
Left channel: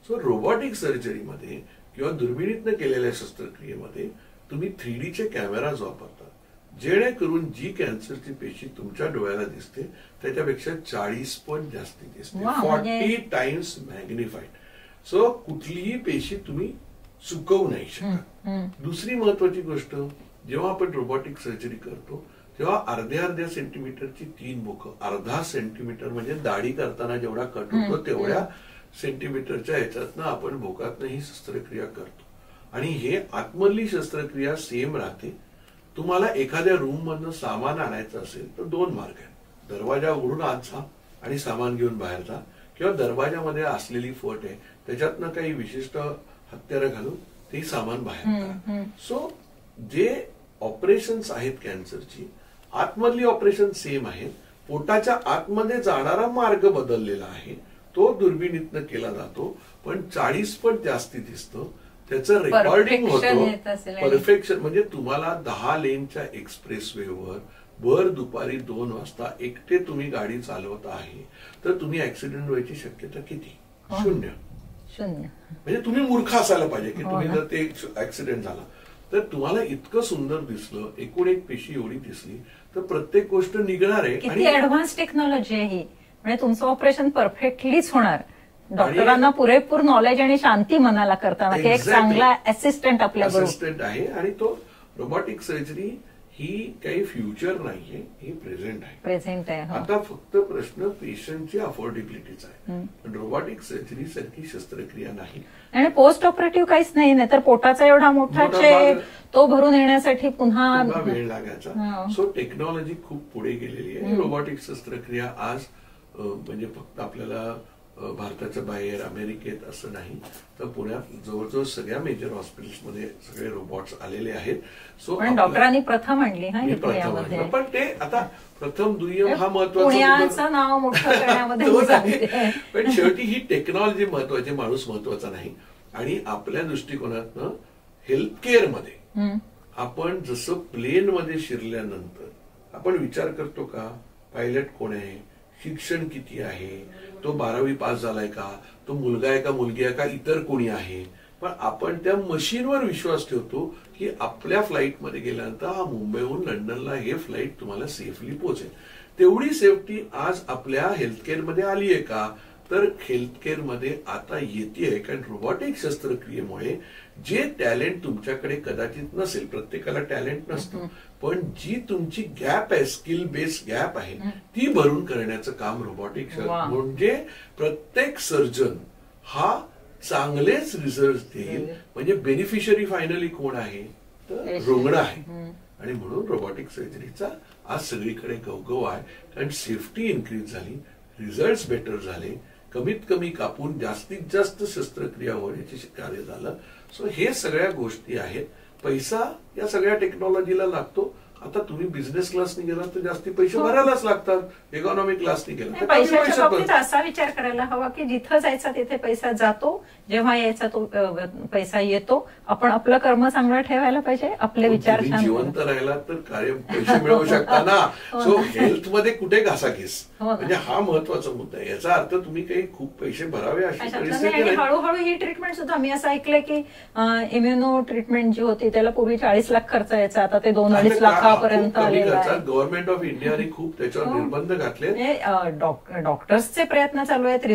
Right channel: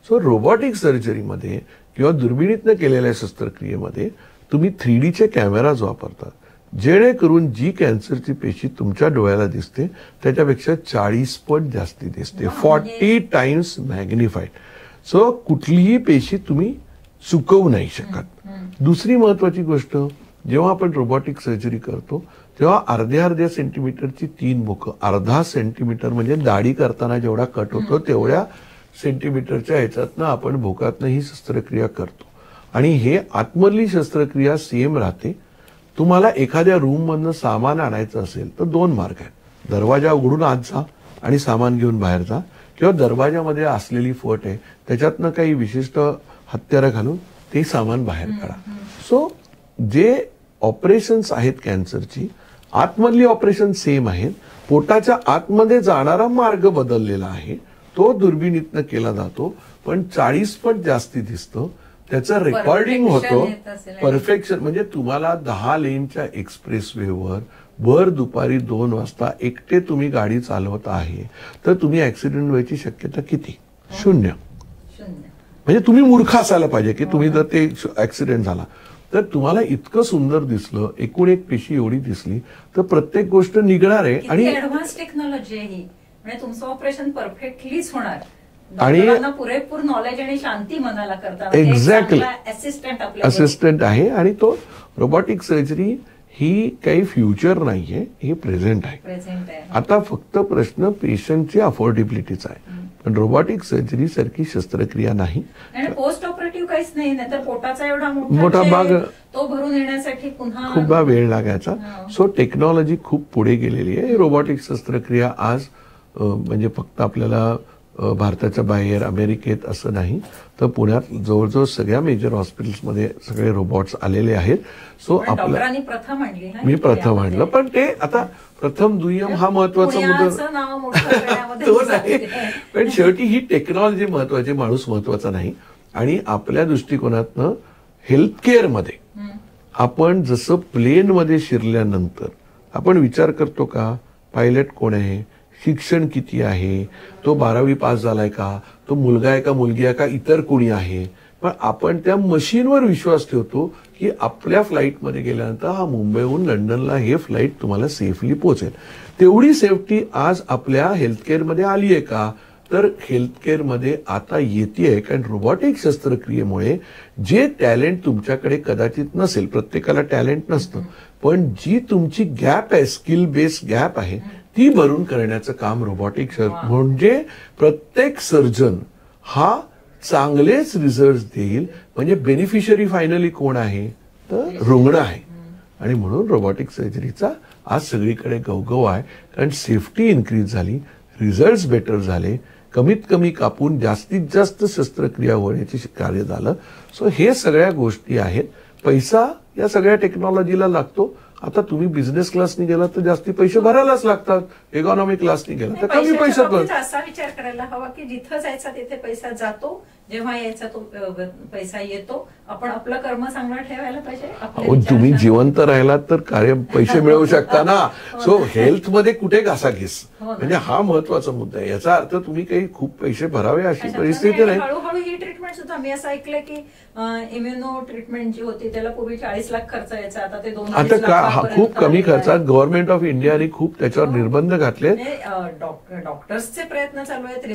सो रोबोटिक सर्जरीमध्ये किंवा दुर्बिणीतनं केलेल्या शस्त्रक्रियेमध्ये तुम्ही 3Dचे कॅमेराज वापरतात जेणेकरून जी कॅन्सरची पेशी तुमच्या डोळ्याला दिसते त्याच्यापेक्षा 40 पट जास्ती दिसते, 40 टाइम्स मॅग्निफाईड. सो कुठलीही पेशी तुम्ही चुकवू नाही शकत. दुसरी महत्वाची गोष्ट, जेव्हा आपण रोबोटिक सर्जरी करतो तेव्हा अर्ध्या सेंटीमीटरची 3 बोकं, अर्धा सेंटीमीटर म्हणजे दाढी करताना जेवढा कट होतो तेवढ्या सेंटीमीटरच्या ह्याच्यातनं आपण भोकातनं ही शस्त्रक्रिया करतो. आणि हे आतमधली शस्त्रक्रिया सेम राहते. तुम्हाला एखाद्या रूम मधनं सामान आणायचं असेल तर 2 मार्ग आहेत. दरवाजा उघडून आत जा आणि सामान घेऊन बाहेर जा, किंवा दरवाजामध्ये असलेली फट आहे त्याच्यातनं काही विशिष्ट हत्यारं घालून ते सामान बाहेर काढा. सो जे ऑपरेशन्स आहेत कॅन्सरची, आतमधली ऑपरेशन सेम आहेत. पोटाच्या आतमध्ये जाणारा मार्ग बदललेला आहे, तो दुर्बिणीतनं केला जातो, पण 40 पट जास्ती दिसतं. त्याचं रेकॉर्डिंग होतं. परफेक्शन म्हणजे तुम्हाला 10 लेनच्या एक्सप्रेस वेवर भर दुपारी 2 वाजता एकटे तुम्ही गाडी चालवत आहे तर तुम्ही ऍक्सिडेंट व्हायची शक्यता किती? 0. म्हणजे तुम्ही मूर्ख असायला पाहिजे की तुम्ही जर ते ऍक्सिडेंट झाला तर तुम्हाला इतकं सुंदर दिसलं, एकूण एक पेशी एवढी दिसली तर प्रत्येक गोष्ट निघणार आहे. आणि ऍडव्हान्स टेक्नॉलॉजी आहे ही, म्हणजे तुमचं ऑपरेशन परफेक्टलीच होणार. डॉक्टरांना पुरेपूर नॉलेज आणि शांती मनाला करताना असिस्टंट आहे. आणि तो रोबोटिक सर्जरी ही काही फ्युचर नाहीये, ही प्रेझेंट आहे. आता फक्त प्रश्न पेशंटची अफोर्डेबिलिटीचा आहे. पण रोबोटिक सर्जरी सारखी शस्त्रक्रिया नाही आणि पोस्ट ऑपरेटिव्ह काहीच नाही. तर पोटाचा एवढा मोठा भाग तो भरून येण्यासाठी पुन्हा वेळ लागायचा. सो टेक्नॉलॉजी खूप पुढे गेलेली आहे. रोबोटिक शस्त्रक्रिया आज म्हणजे फक्त आपल्याला भारताच्या बाहेर, अमेरिकेत असं नाही तर पुण्यात जवळजवळ सगळ्या मेजर हॉस्पिटल्समध्ये सगळे रोबोट्स आलेले आहेत. सो डॉक्टरांनी प्रथम आणली, मी प्रथम आणलं. पण ते आता प्रथम दुय्यम हा महत्वाचा मुद्दा पण शेवटी ही टेक्नॉलॉजी महत्वाची, माणूस महत्वाचा नाही. आणि आपल्या दृष्टिकोनातनं हेल्थ केअरमध्ये आपण जसं प्लेनमध्ये शिरल्यानंतर आपण विचार करतो का पायलट कोण आहे, शिक्षण किती आहे, तो 12वी पास झालाय का, तो मुलगा आहे का मुलगी आहे का, इतर कोणी आहे. पण आपण त्या मशीनवर विश्वास ठेवतो की आपल्या फ्लाईटमध्ये गेल्यानंतर हा मुंबईहून लंडनला हे फ्लाईट तुम्हाला सेफली पोहोचेल. तेवढी सेफ्टी आज आपल्या हेल्थकेअरमध्ये आली आहे का, तर हेल्थकेअरमध्ये आता येते. कारण रोबोटिक शस्त्रक्रियेमुळे जे टॅलेंट तुमच्याकडे कदाचित नसेल, प्रत्येकाला टॅलेंट नसतं, पण जी तुमची गॅप आहे, स्किल बेस गॅप आहे, ती भरून करण्याचं काम रोबोटिक म्हणजे प्रत्येक सर्जन हा चांगलेच रिझल्ट देईल. म्हणजे बेनिफिशरी फायनली कोण आहे तर रुग्ण आहे. आणि म्हणून रोबोटिक सर्जरीचा आज सगळीकडे गवगव आहे. कारण सेफ्टी इन्क्रीज झाली, रिझल्ट बेटर झाले, कमीत कमी कापून जास्तीत जास्त शस्त्रक्रिया होण्याचे कार्य झालं. सो हे सगळ्या गोष्टी आहेत. पैसा या सगळ्या टेक्नॉलॉजीला लागतो. आता तुम्ही बिझनेस क्लासनी गेला तर जास्ती पैसे भरायलाच लागतात, इकॉनॉमी क्लासनी गेला तर कमी पैशात भर. असा विचार करायला हवा की जिथं जायचा तिथे पैसा जातो, जेव्हा यायचा तो पैसा येतो. आपण आपलं कर्म चांगलं ठेवायला पाहिजे, आपले विचार. तुम्ही जिवंत राहिलात तर कार्य पैसे मिळवू शकता ना. सो हेल्थमध्ये कुठे घासाघीस, म्हणजे हा महत्वाचा मुद्दा आहे. याचा अर्थ तुम्ही काही खूप पैसे भरावे अशी परिस्थिती नाही. हळूहळू ही ट्रीटमेंट सुद्धा मी असं ऐकलंय की इम्युनो ट्रीटमेंट जी होती त्याला पूर्वी 40 लाख खर्च यायचा, आता ते 2-2.5 लाखापर्यंत खूप कमी खर्चात गव्हर्नमेंट ऑफ इंडियाने खूप त्याच्यावर निर्बंध घातले. डॉक्टर्सचे प्रयत्न चालू आहेत,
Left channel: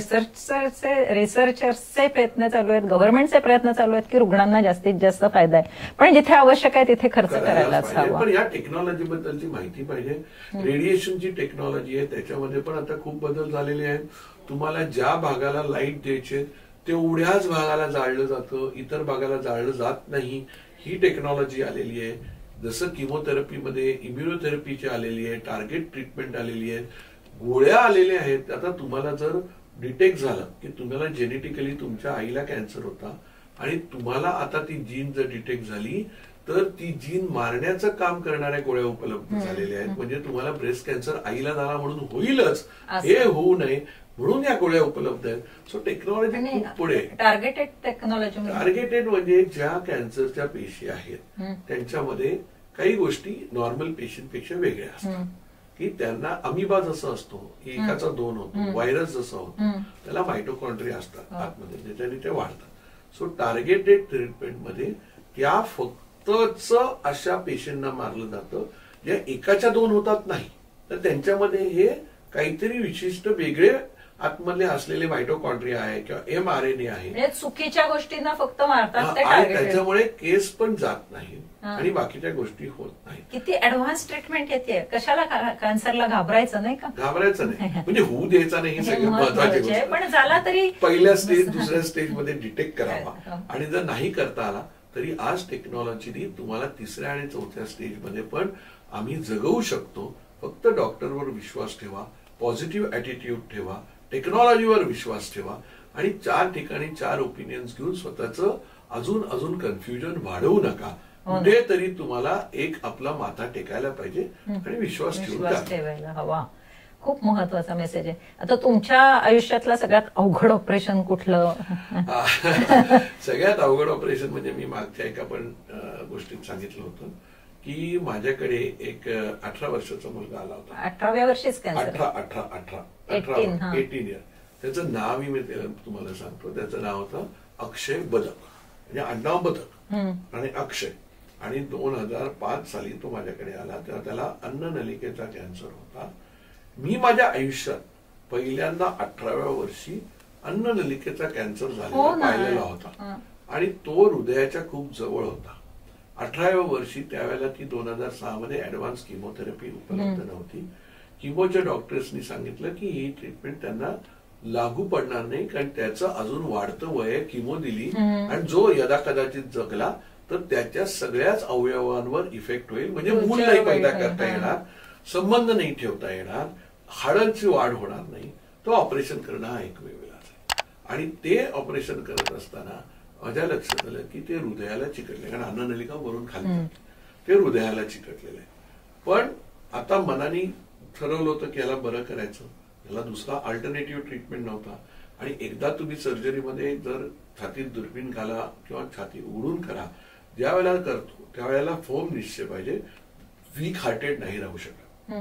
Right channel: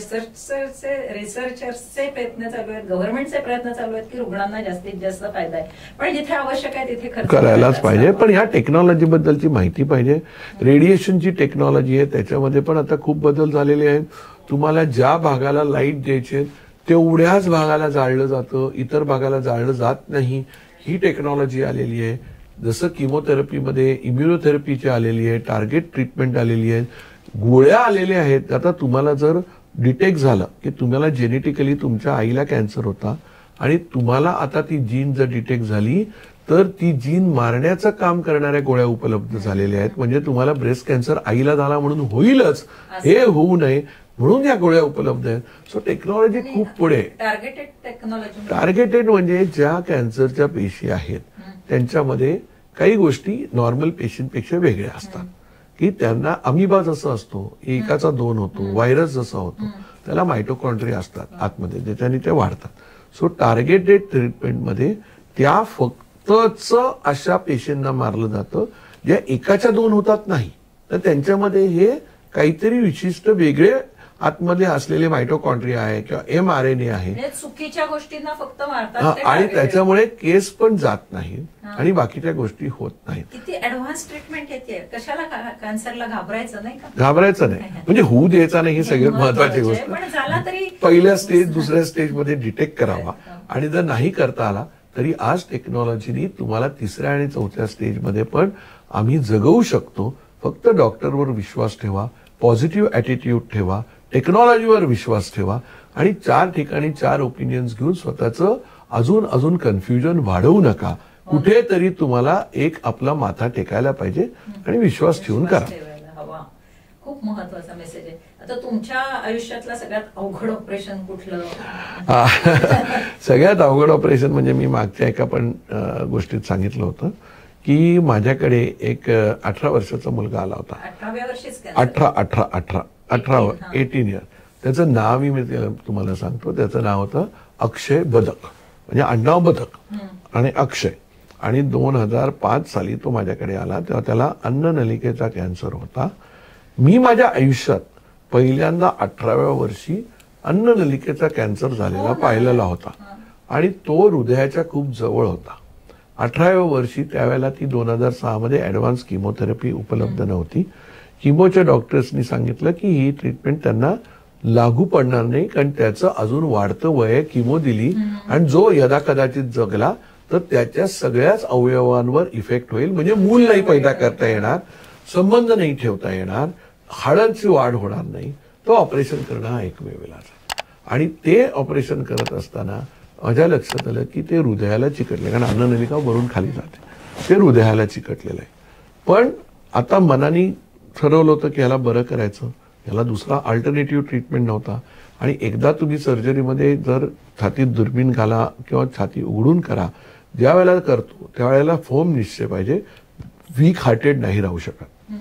रिसर्चर्सचे प्रयत्न चालू आहेत, गव्हर्नमेंटचे प्रयत्न चालू आहेत की रुग्णांना जास्तीत जास्त फायदा आहे. पण जिथे आवश्यक आहे तिथे खर्च करायलाच पाहिजे. पण या टेक्नॉलॉजी बद्दलची माहिती पाहिजे. रेडिएशनची टेक्नॉलॉजी आहे त्याच्यामध्ये पण आता खूप बदल झालेले आहेत. तुम्हाला ज्या भागाला लाईट द्यायचे तेवढ्याच भागाला जाळलं जातं, इतर भागाला जाळलं जात नाही. ही टेक्नॉलॉजी आलेली आहे. जसं किमोथेरपीमध्ये इम्युनोथेरपीची आलेली आहे, टार्गेट ट्रीटमेंट आलेली आहे, गोळ्या आलेल्या आहेत. आता तुम्हाला जर डिटेक्ट झालं की तुम्हाला जेनेटिकली तुमच्या आईला कॅन्सर होता आणि तुम्हाला आता ती जीन जर डिटेक्ट झाली तर ती जीन मारण्याचं काम करणाऱ्या गोळ्या उपलब्ध झालेल्या आहेत. म्हणजे तुम्हाला ब्रेस्ट कॅन्सर आईला झाला म्हणून होईलच हे होऊ नये म्हणून या गोळ्या उपलब्ध आहेत. सो टेक्नॉलॉजी खूप पुढे. टार्गेटेड टेक्नॉलॉजी, टार्गेटेड म्हणजे ज्या कॅन्सरच्या पेशी आहेत त्यांच्यामध्ये काही गोष्टी नॉर्मल पेशींपेक्षा वेगळ्या असतात. की त्यांना अमिबा जसं असतो, एकाचा 2 होतो, व्हायरस जसा होतो, त्याला मायटोकॉन्ड्रिया असतात आतमध्ये, त्याच्याने ते वाढतात. सो टार्गेटेड ट्रीटमेंटमध्ये त्या फक्तच अशा पेशींना मारलं जातं ज्या एकाच्या 2 होतात नाही, तर त्यांच्यामध्ये हे काहीतरी विशिष्ट वेगळे आतमध्ये असलेले मायटोकॉन्ड्रिया आहे किंवा mRNA आहे, चुकीच्या गोष्टींना फक्त मारतात आणि त्याच्यामुळे केस पण जात नाही आणि बाकीच्या गोष्टी होत नाहीत. किती ऍडव्हान्स ट्रीटमेंट येते. कशाला कॅन्सरला घाबरायचं नाही का? घाबरायचं नाही, म्हणजे होऊ द्यायचा नाही ही सगळ्यात महत्वाची गोष्ट. पण झाला तरी पहिल्या स्टेज दुसऱ्या स्टेजमध्ये डिटेक्ट करावा. आणि जर नाही करता आला तरी आज टेक्नॉलॉजीनी तुम्हाला 3ऱ्या आणि 4थ्या स्टेजमध्ये पण आम्ही जगवू शकतो. फक्त डॉक्टरवर विश्वास ठेवा, पॉझिटिव्ह ऍटिट्यूड ठेवा, टेक्नॉलॉजीवर विश्वास ठेवा आणि 4 ठिकाणी 4 ओपिनियन्स घेऊन स्वतःचं अजून कन्फ्युजन वाढवू नका. कुठेतरी तुम्हाला एक आपला माथा टेकायला पाहिजे आणि विश्वास ठेवून ठेवायला हवा. खूप महत्वाचा मेसेज आहे. आता तुमच्या आयुष्यातलं सगळ्यात अवघड ऑपरेशन कुठलं? सगळ्यात अवघड ऑपरेशन म्हणजे मी मागच्या एका पण गोष्टीत सांगितलं होतं की माझ्याकडे एक 18 वर्षाचा मुलगा आला होता. 18व्या वर्षीच 18 इयर. त्याचं नावही मी तुम्हाला सांगतो. त्याचं नाव होतं अक्षय बदक, म्हणजे आडनाव बदक आणि अक्षय. आणि 2005 साली तो माझ्याकडे आला तेव्हा त्याला अन्ननलिकेचा कॅन्सर होता. मी माझ्या आयुष्यात पहिल्यांदा 18व्या वर्षी अन्ननलिकेचा कॅन्सर झालेला पाहिलेला होता आणि तो हृदयाच्या खूप जवळ होता. 18व्या वर्षी त्यावेळेला ती 2006 मध्ये ऍडव्हान्स किमोथेरपी उपलब्ध नव्हती. किमोच्या डॉक्टर्सनी सांगितलं की ही ट्रीटमेंट त्यांना लागू पडणार नाही कारण त्याचं अजून वाढतं वय. किमो दिली आणि जो यदाकदाचित जगला तर त्याच्या सगळ्याच अवयवांवर इफेक्ट होईल, म्हणजे मूल नाही पैदा करता येणार, संबंध नाही ठेवता येणार, हाडांची वाढ होणार नाही. तो ऑपरेशन करणं हा एकमेव इलाज आहे. आणि ते ऑपरेशन करत असताना माझ्या लक्षात आलं की ते हृदयाला चिकटले, कारण अन्ननलिका वरून खाली जाते, ते हृदयाला चिकटलेलं आहे. पण आता मनाने ठरवलं होतं की याला बरं करायचं, याला दुसरा अल्टरनेटिव्ह ट्रीटमेंट नव्हता. आणि एकदा तुम्ही सर्जरीमध्ये जर छातीत दुर्बीण घाला किंवा छाती उघडून करा, ज्या वेळेला करतो त्यावेळेला फोम निश्चय पाहिजे, वीक हार्टेड नाही राहू शकत.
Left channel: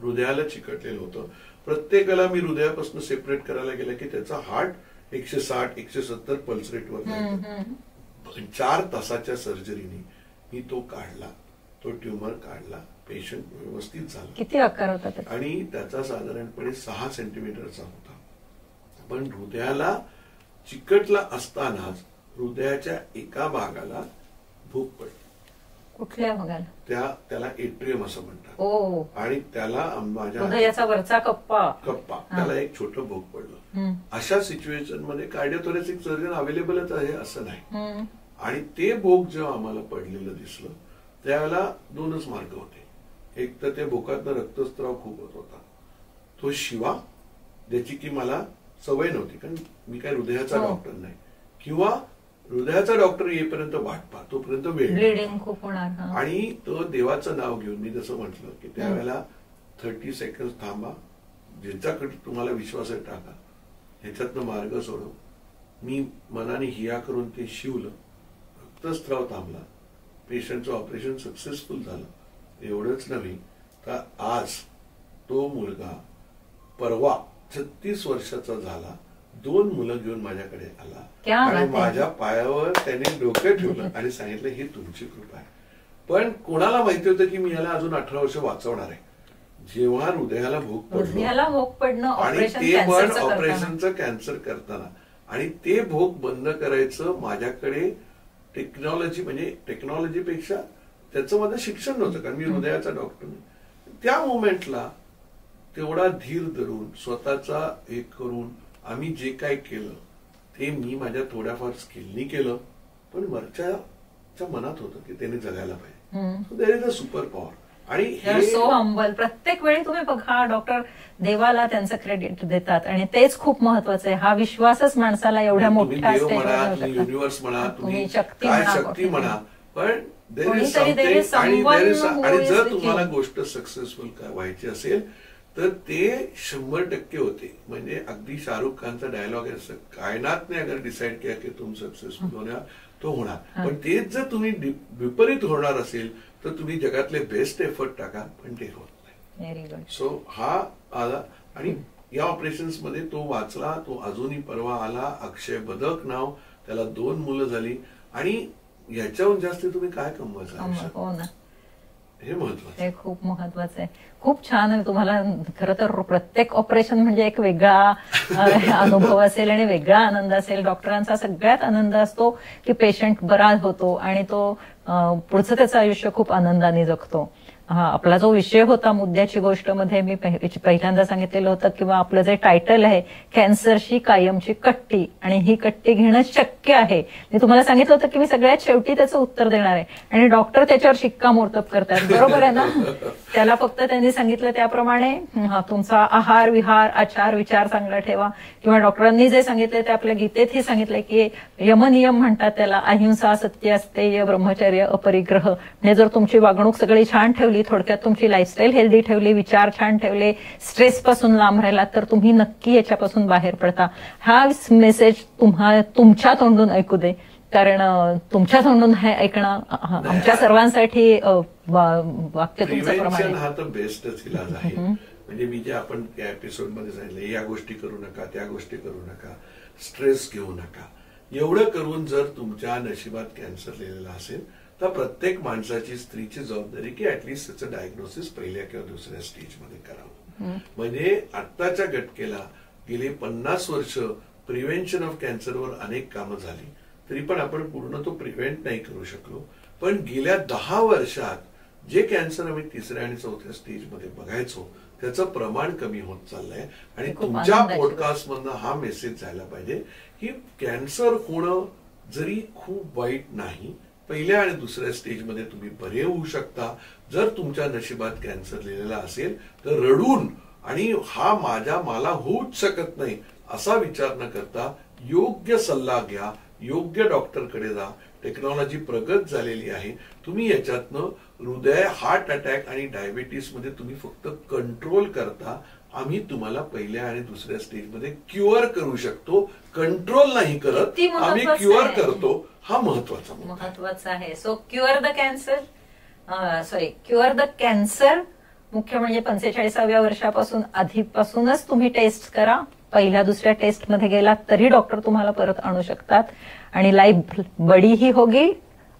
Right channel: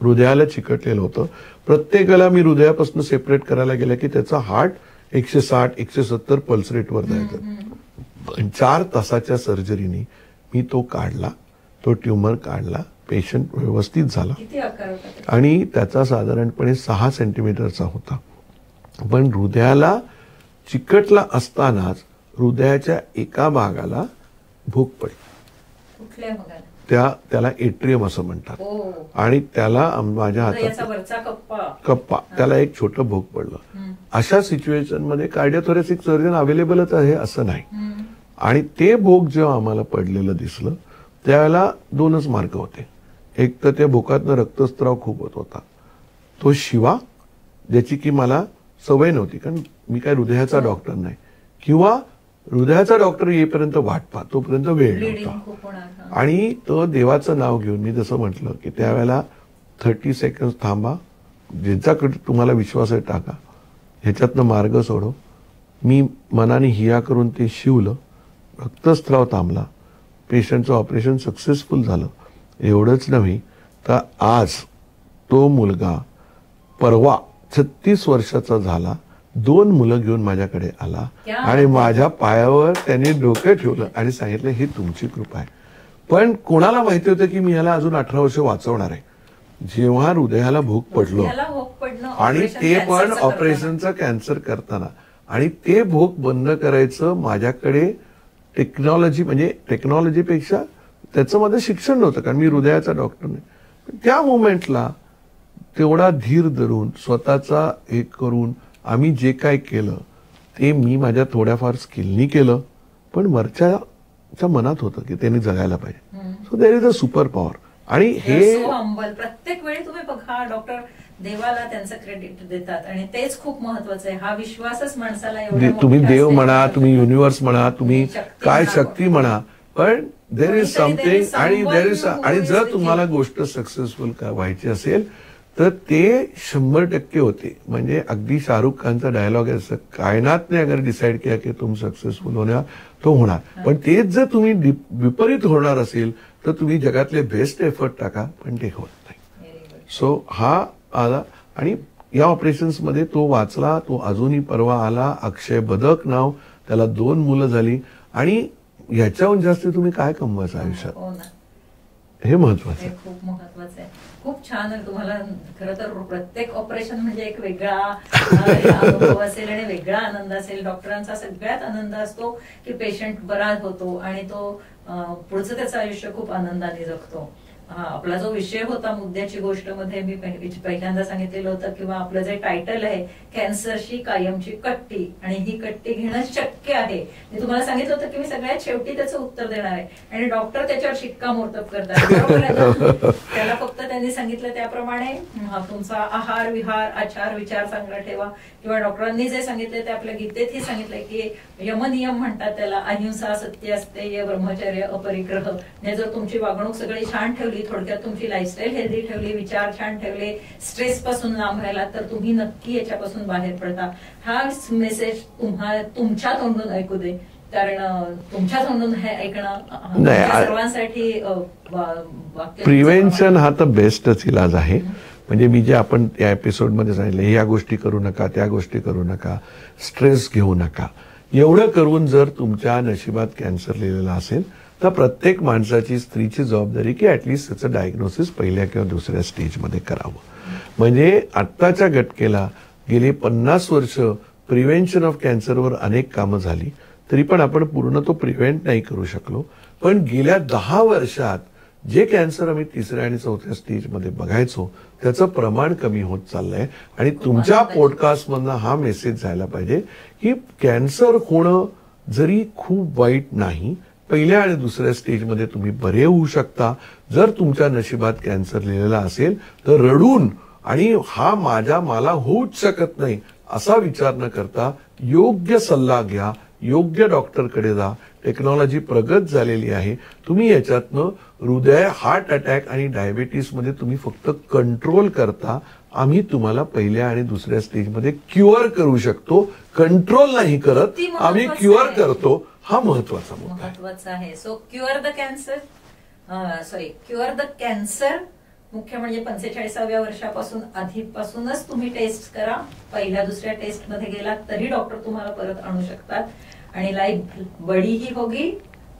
हृदयाला चिकटलेलं होतं. प्रत्येकाला मी हृदयापासून सेपरेट करायला गेलं की त्याचा हार्ट 160-170 पल्स रेटवर जायचं. 4 तासाच्या सर्जरीने मी तो काढला, तो ट्युमर काढला, पेशंट व्यवस्थित झाला. किती आकार होता? आणि त्याचा साधारणपणे 6 सेंटीमीटरचा होता. पण हृदयाला चिकटला असतानाच हृदयाच्या एका भागाला भूक पडली. कुठल्या भागाला? त्याला एट्रियम असं म्हणतात. आणि त्याला माझ्या हाताचा कप्पा त्याला एक छोटं भोग पडलं. अशा सिच्युएशन मध्ये कार्डिओथोरॅसिक सर्जन अवेलेबलच आहे असं नाही. आणि ते भोग जेव्हा आम्हाला पडलेलं दिसलं त्यावेळेला 2च मार्ग होते. एक तर त्या भोकातनं रक्तस्त्राव खूप होत होता, तो शिवा, ज्याची की मला सवय नव्हती कारण मी काय हृदयाचा डॉक्टर नाही, किंवा हृदयाचा डॉक्टर येईपर्यंत वाट पहा, तोपर्यंत वेळ ब्लिडिंग नव्हता. खूप होणार. आणि तो देवाचं नाव घेऊन मी जसं म्हटलं की त्यावेळेला 30 सेकंड थांबा, ज्याच्याकडे तुम्हाला विश्वास आहे टाका, ह्याच्यातनं मार्ग सोडव. मी मनाने हिया करून ते शिवलं, रक्तस्राव थांबला, पेशंटचं ऑपरेशन सक्सेसफुल झालं. एवढंच नव्हे तर आज तो मुलगा परवा 36 वर्षाचा झाला, 2 मुलं घेऊन माझ्याकडे आला आणि माझ्या पायावर त्याने डोकं ठेवलं आणि सांगितलं ही तुमची कृपा आहे. पण कोणाला माहिती होतं की मी याला अजून 18 वर्ष वाचवणार आहे. जेव्हा हृदयाला भूक पडलो आणि ते पण ऑपरेशनचा कॅन्सर करताना, आणि ते भूक बंद करायचं माझ्याकडे टेक्नॉलॉजी, म्हणजे टेक्नॉलॉजीपेक्षा त्याचं माझं शिक्षण नव्हतं, कारण मी हृदयाचा डॉक्टर नाही. त्या मोमेंटला तेवढा धीर धरून स्वतःचा एक करून आम्ही जे काय केलं ते मी माझ्या थोड्याफार स्किलनी केलं, पण वरच्या मनात होतं की त्यांनी जगायला पाहिजे. So there is a super power. आणि हे सो हंबल. प्रत्येक वेळी तुम्ही बघा डॉक्टर देवाला त्यांचं क्रेडिट देतात आणि तेच खूप महत्वाचं आहे. हा विश्वासच माणसाला एवढ्या तुम्ही देव म्हणा, तुम्ही युनिव्हर्स म्हणा, तुम्ही काय शक्ती म्हणा, पण देर इज समथिंग. आणि जर तुम्हाला गोष्ट सक्सेसफुल व्हायची असेल तर ते 100% होते. म्हणजे अगदी शाहरुख खानचा डायलॉग आहे, असं कायनात ने अगर डिसाइड किया की तुम सक्सेसफुल होणार तो होणार. पण तेच जर तुम्ही विपरीत होणार असेल तर तुम्ही जगातले बेस्ट एफर्ट टाका, पण ते होत नाही. सो हा आला आणि या ऑपरेशन्स मध्ये तो वाचला. तो अजूनही परवा आला. अक्षय बदक नाव, त्याला 2 मुलं झाली. आणि ह्याच्याहून जास्त तुम्ही काय कमवायचं आयुष्यात, हे महत्वाचं आहे. खूप महत्वाचं आहे. खूप छान आहे. तुम्हाला खरं तर प्रत्येक ऑपरेशन म्हणजे एक वेगळा अनुभव असेल आणि वेगळा आनंद असेल. डॉक्टरांचा सगळ्यात आनंद असतो की पेशंट बरा होतो आणि तो पुढचं त्याचं आयुष्य खूप आनंदाने जगतो. आपला जो विषय होता मुद्द्याची गोष्ट मध्ये मी पहिल्यांदा सांगितलेलं होतं किंवा आपलं जे टायटल आहे कॅन्सरशी कायमची कट्टी, आणि ही कट्टी घेणं शक्य आहे. मी तुम्हाला सांगितलं होतं की मी सगळ्यात शेवटी त्याचं उत्तर देणार आहे आणि डॉक्टर त्याच्यावर शिक्कामोर्तब करतात. बरोबर आहे ना. त्याला फक्त त्यांनी सांगितलं त्याप्रमाणे तुमचा आहार विहार आचार विचार चांगला ठेवा, किंवा डॉक्टरांनी जे सांगितलं ते आपल्या गीतेतही सांगितलंय की यमनियम म्हणतात त्याला, अहिंसा सत्य अस्तेय ब्रह्मचर्य अपरिग्रह. म्हणजे जर तुमची वागणूक सगळी छान ठेवली, थोडक्यात तुमची लाईफस्टाईल हेल्दी ठेवली, विचार छान ठेवले, स्ट्रेस पासून लांब राहिला तर तुम्ही नक्की याच्यापासून बाहेर पडता. हा मेसेज तुमच्या तोंडून ऐकू दे, कारण तुमच्या तोंडून हे ऐकणं आमच्या सर्वांसाठी वाक्य. प्रिव्हेन्शन हा तर बेस्टच इलाज आहे. म्हणजे मी जे आपण या एपिसोडमध्ये सांगितले, या गोष्टी करू नका, त्या गोष्टी करू नका, स्ट्रेस घेऊ नका, एवढं करून जर तुमच्या नशिबात कॅन्सर लिहिलेला असेल तर प्रत्येक माणसाची, स्त्रीची जबाबदारी की ऍटलिस्ट त्याचं डायग्नोसिस पहिल्या किंवा दुसऱ्या स्टेजमध्ये करावं. म्हणजे आत्ताच्या घटकेला गेली 50 वर्ष प्रिव्हेन्शन ऑफ कॅन्सरवर अनेक कामं झाली, तरी पण आपण पूर्ण तो प्रिव्हेंट नाही करू शकलो. पण गेल्या 10 वर्षात जे कॅन्सर आम्ही 3ऱ्या आणि 4थ्या स्टेजमध्ये बघायचो त्याचं प्रमाण कमी होत चाललंय. आणि तुमच्या पॉडकास्टमधनं हा मेसेज जायला पाहिजे की कॅन्सर होणं जरी खूप वाईट नाही, पहिल्या आणि दुसऱ्या स्टेजमध्ये तुम्ही बरे होऊ शकता. जर तुमच्या नशिबात कॅन्सर लिहिलेला असेल तर रडून आणि मला होऊच शकत नाही असा विचार न करता योग्य सल्ला घ्या, योग्य डॉक्टरकडे जा. टेक्नॉलॉजी प्रगत झालेली आहे. तुम्ही याच्यातनं हृदय, हार्ट अटॅक आणि डायबिटीस मध्ये तुम्ही फक्त कंट्रोल करता. आम्ही तुम्हाला पहिल्या आणि दुसऱ्या स्टेजमध्ये क्युअर करू शकतो. कंट्रोल नाही करत, आम्ही क्युअर करतो. हा महत्वाचा आहे. सो क्युअर द कॅन्सर मुख्य म्हणजे 45व्या वर्षापासून आधीपासूनच तुम्ही टेस्ट करा. पहिल्या दुसऱ्या टेस्ट मध्ये गेलात तरी डॉक्टर तुम्हाला परत आणू शकतात आणि लाईफ बडी ही होगी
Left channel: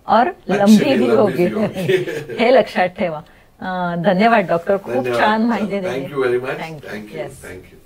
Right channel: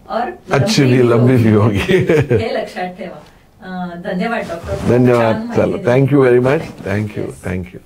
और लंबी भी होगी. हे लक्षात ठेवा. धन्यवाद डॉक्टर. धन्यवाद. Thank you very much. थँक्यू.